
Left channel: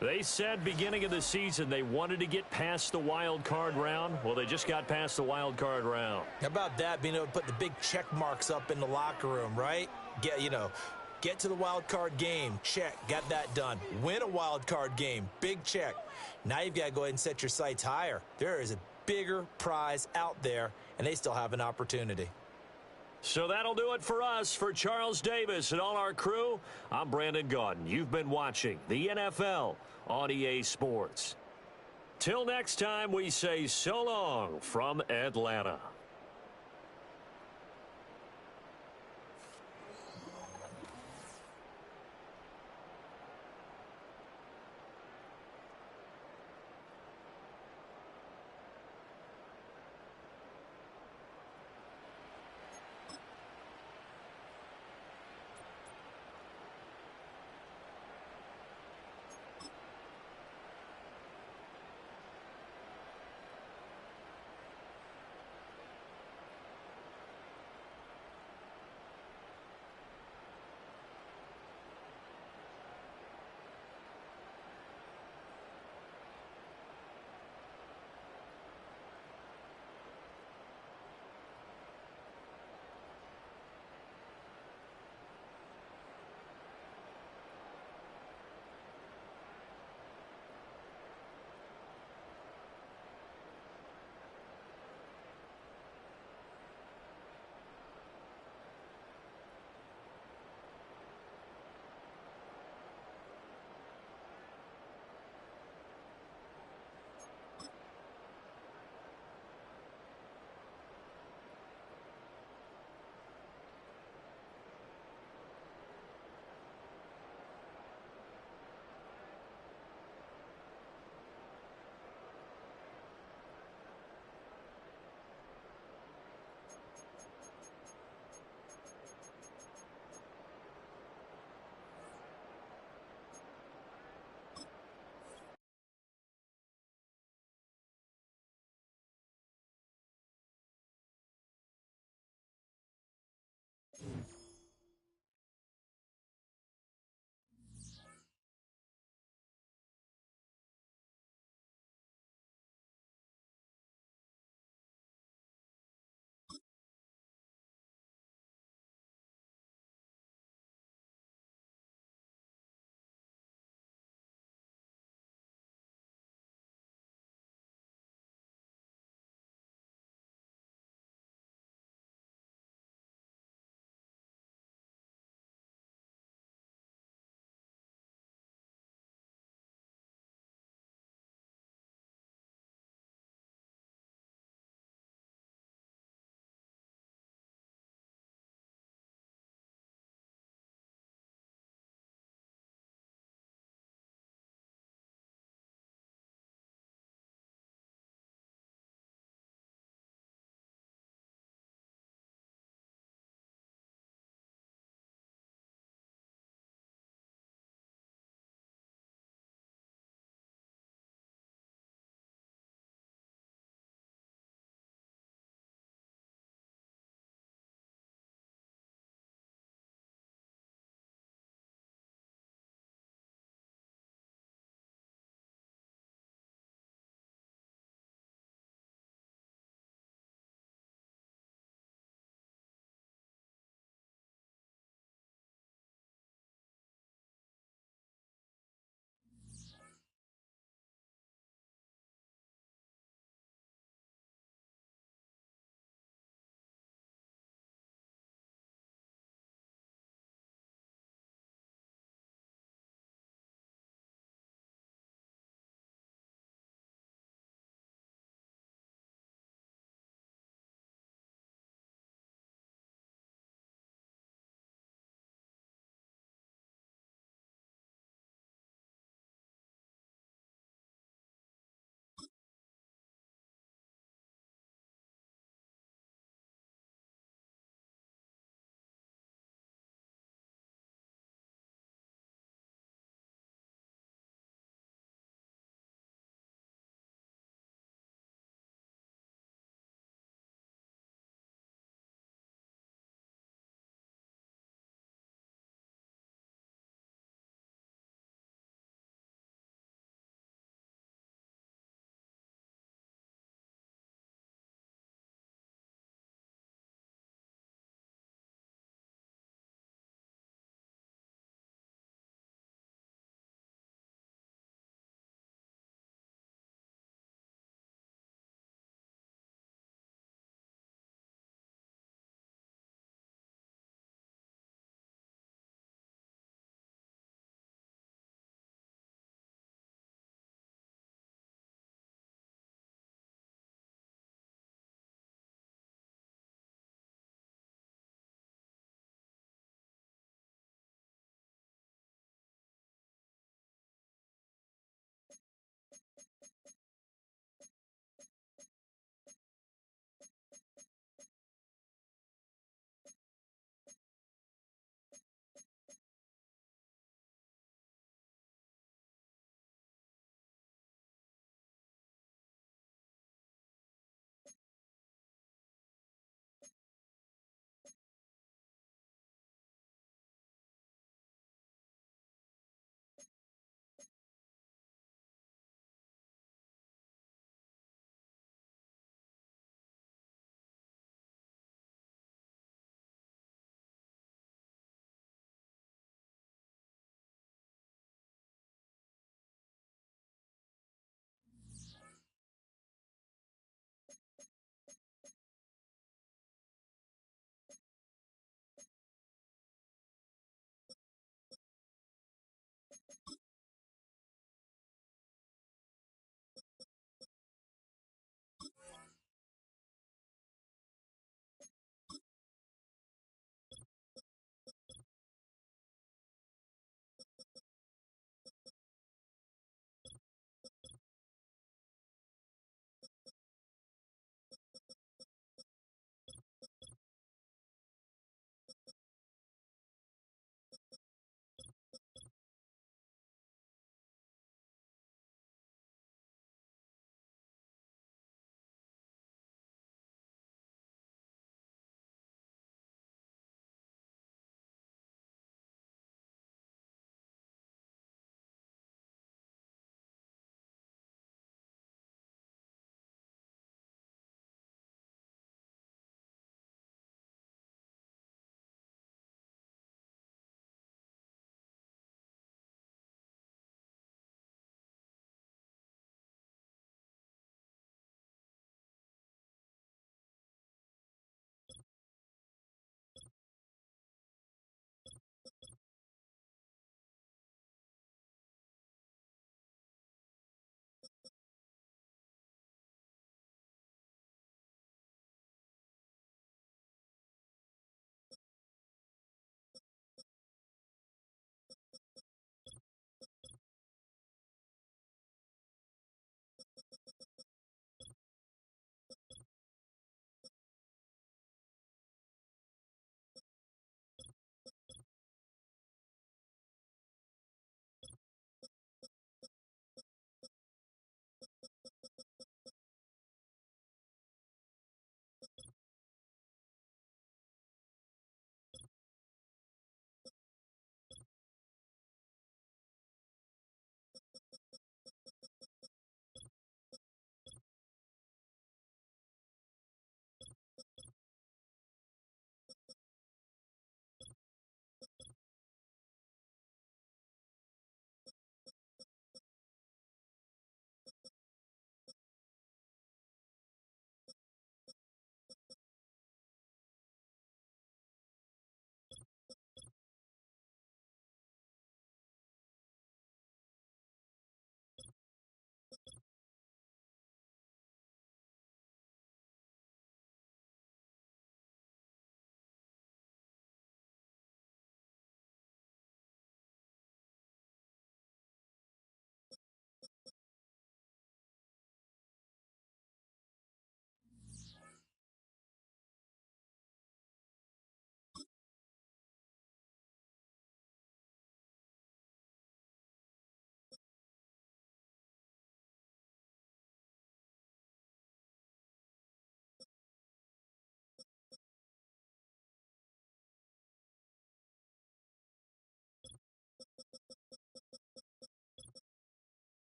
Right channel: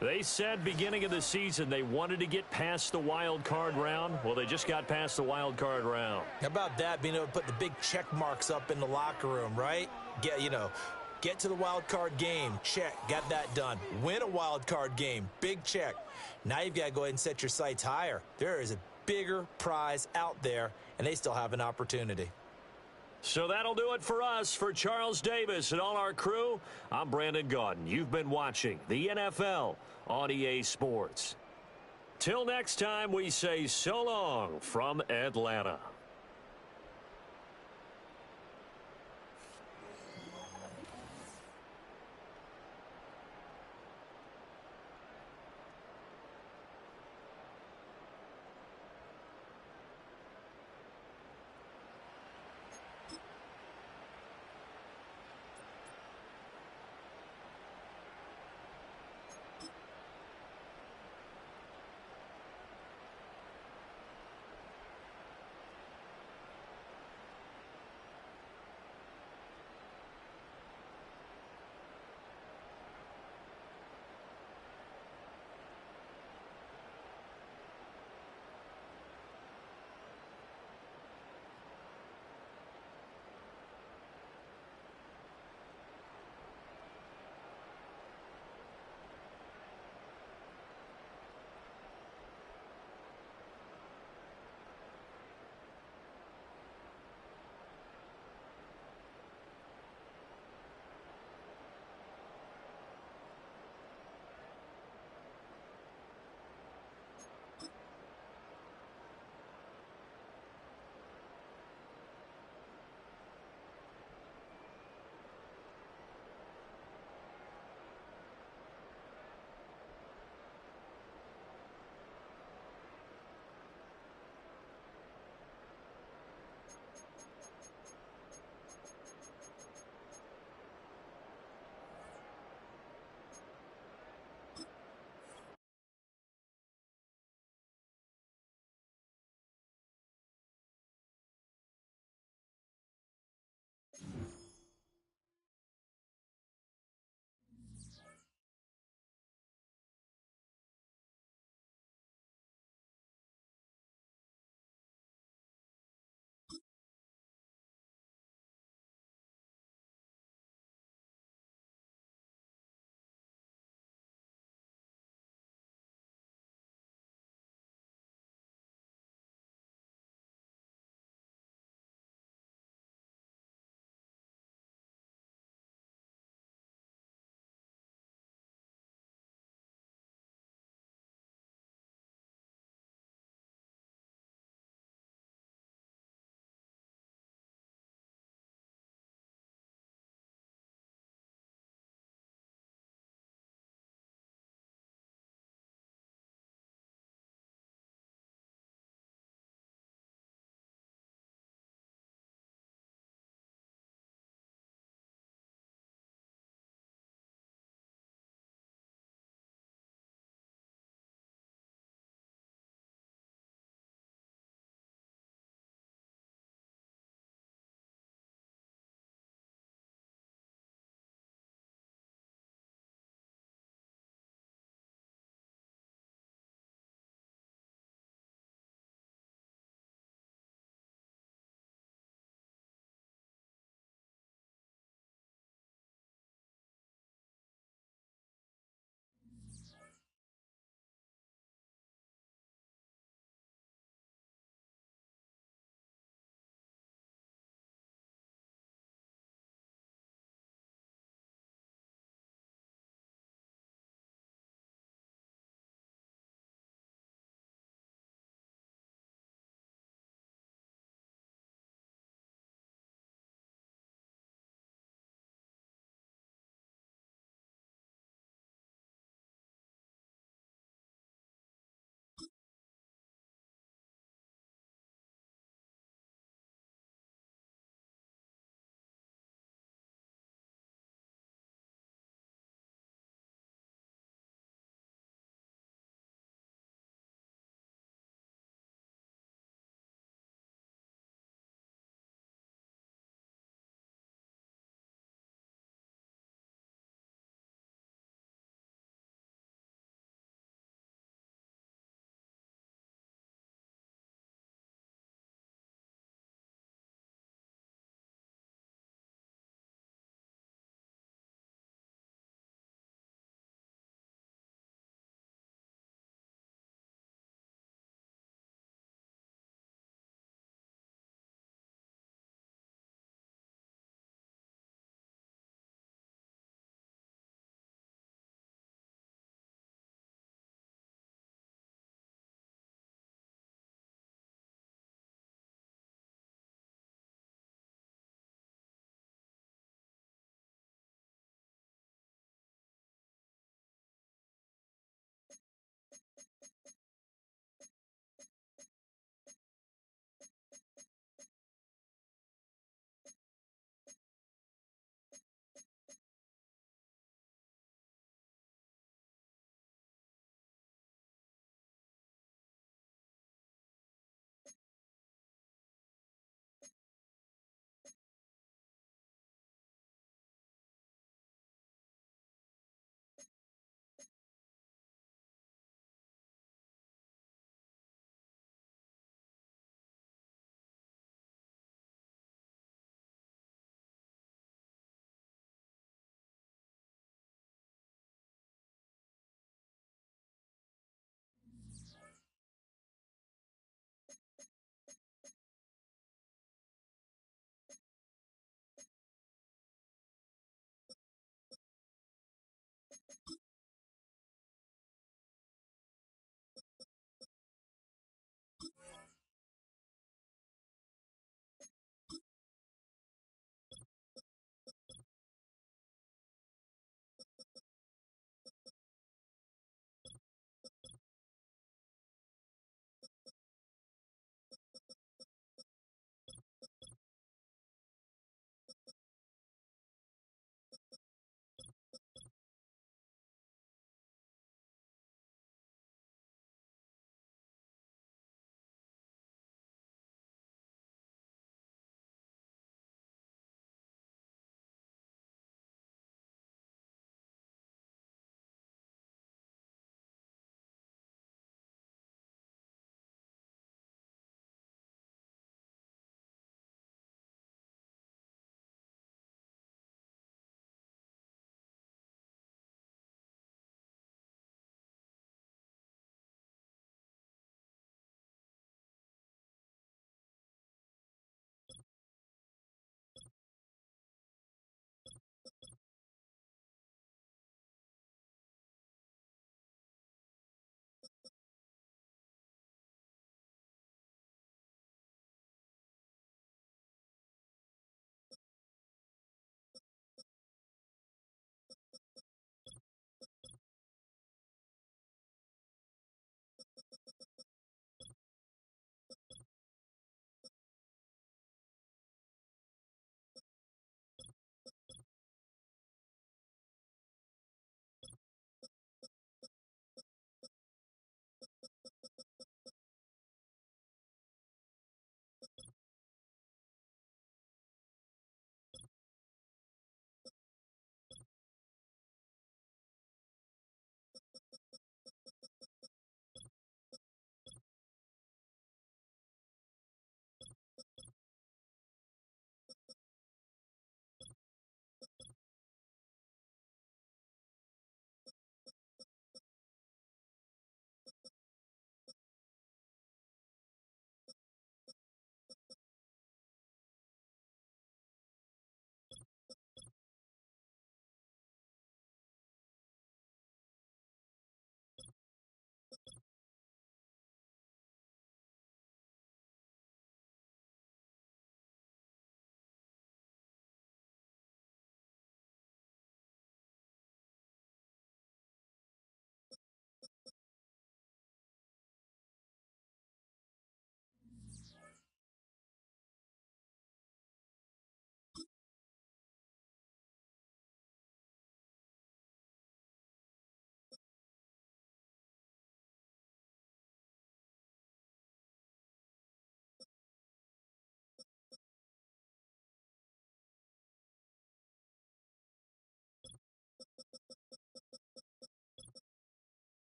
They said beginning of the season they wanted to get past the wild card round. Well, they just got past the wild card round. How about that, being able to put the big check marks up in the locker room, right? Get to the wild card game. Check. Got that done. Win a wild card game. Big check. Now you've got to go ahead and set your sights higher. There is a bigger prize out there, and they still have an opportunity. So that'll do it for us. For Charles Davis and all our crew, I'm Brandon Gaudin. You've been watching the NFL on EA Sports. Till next time, we say so long from Atlanta.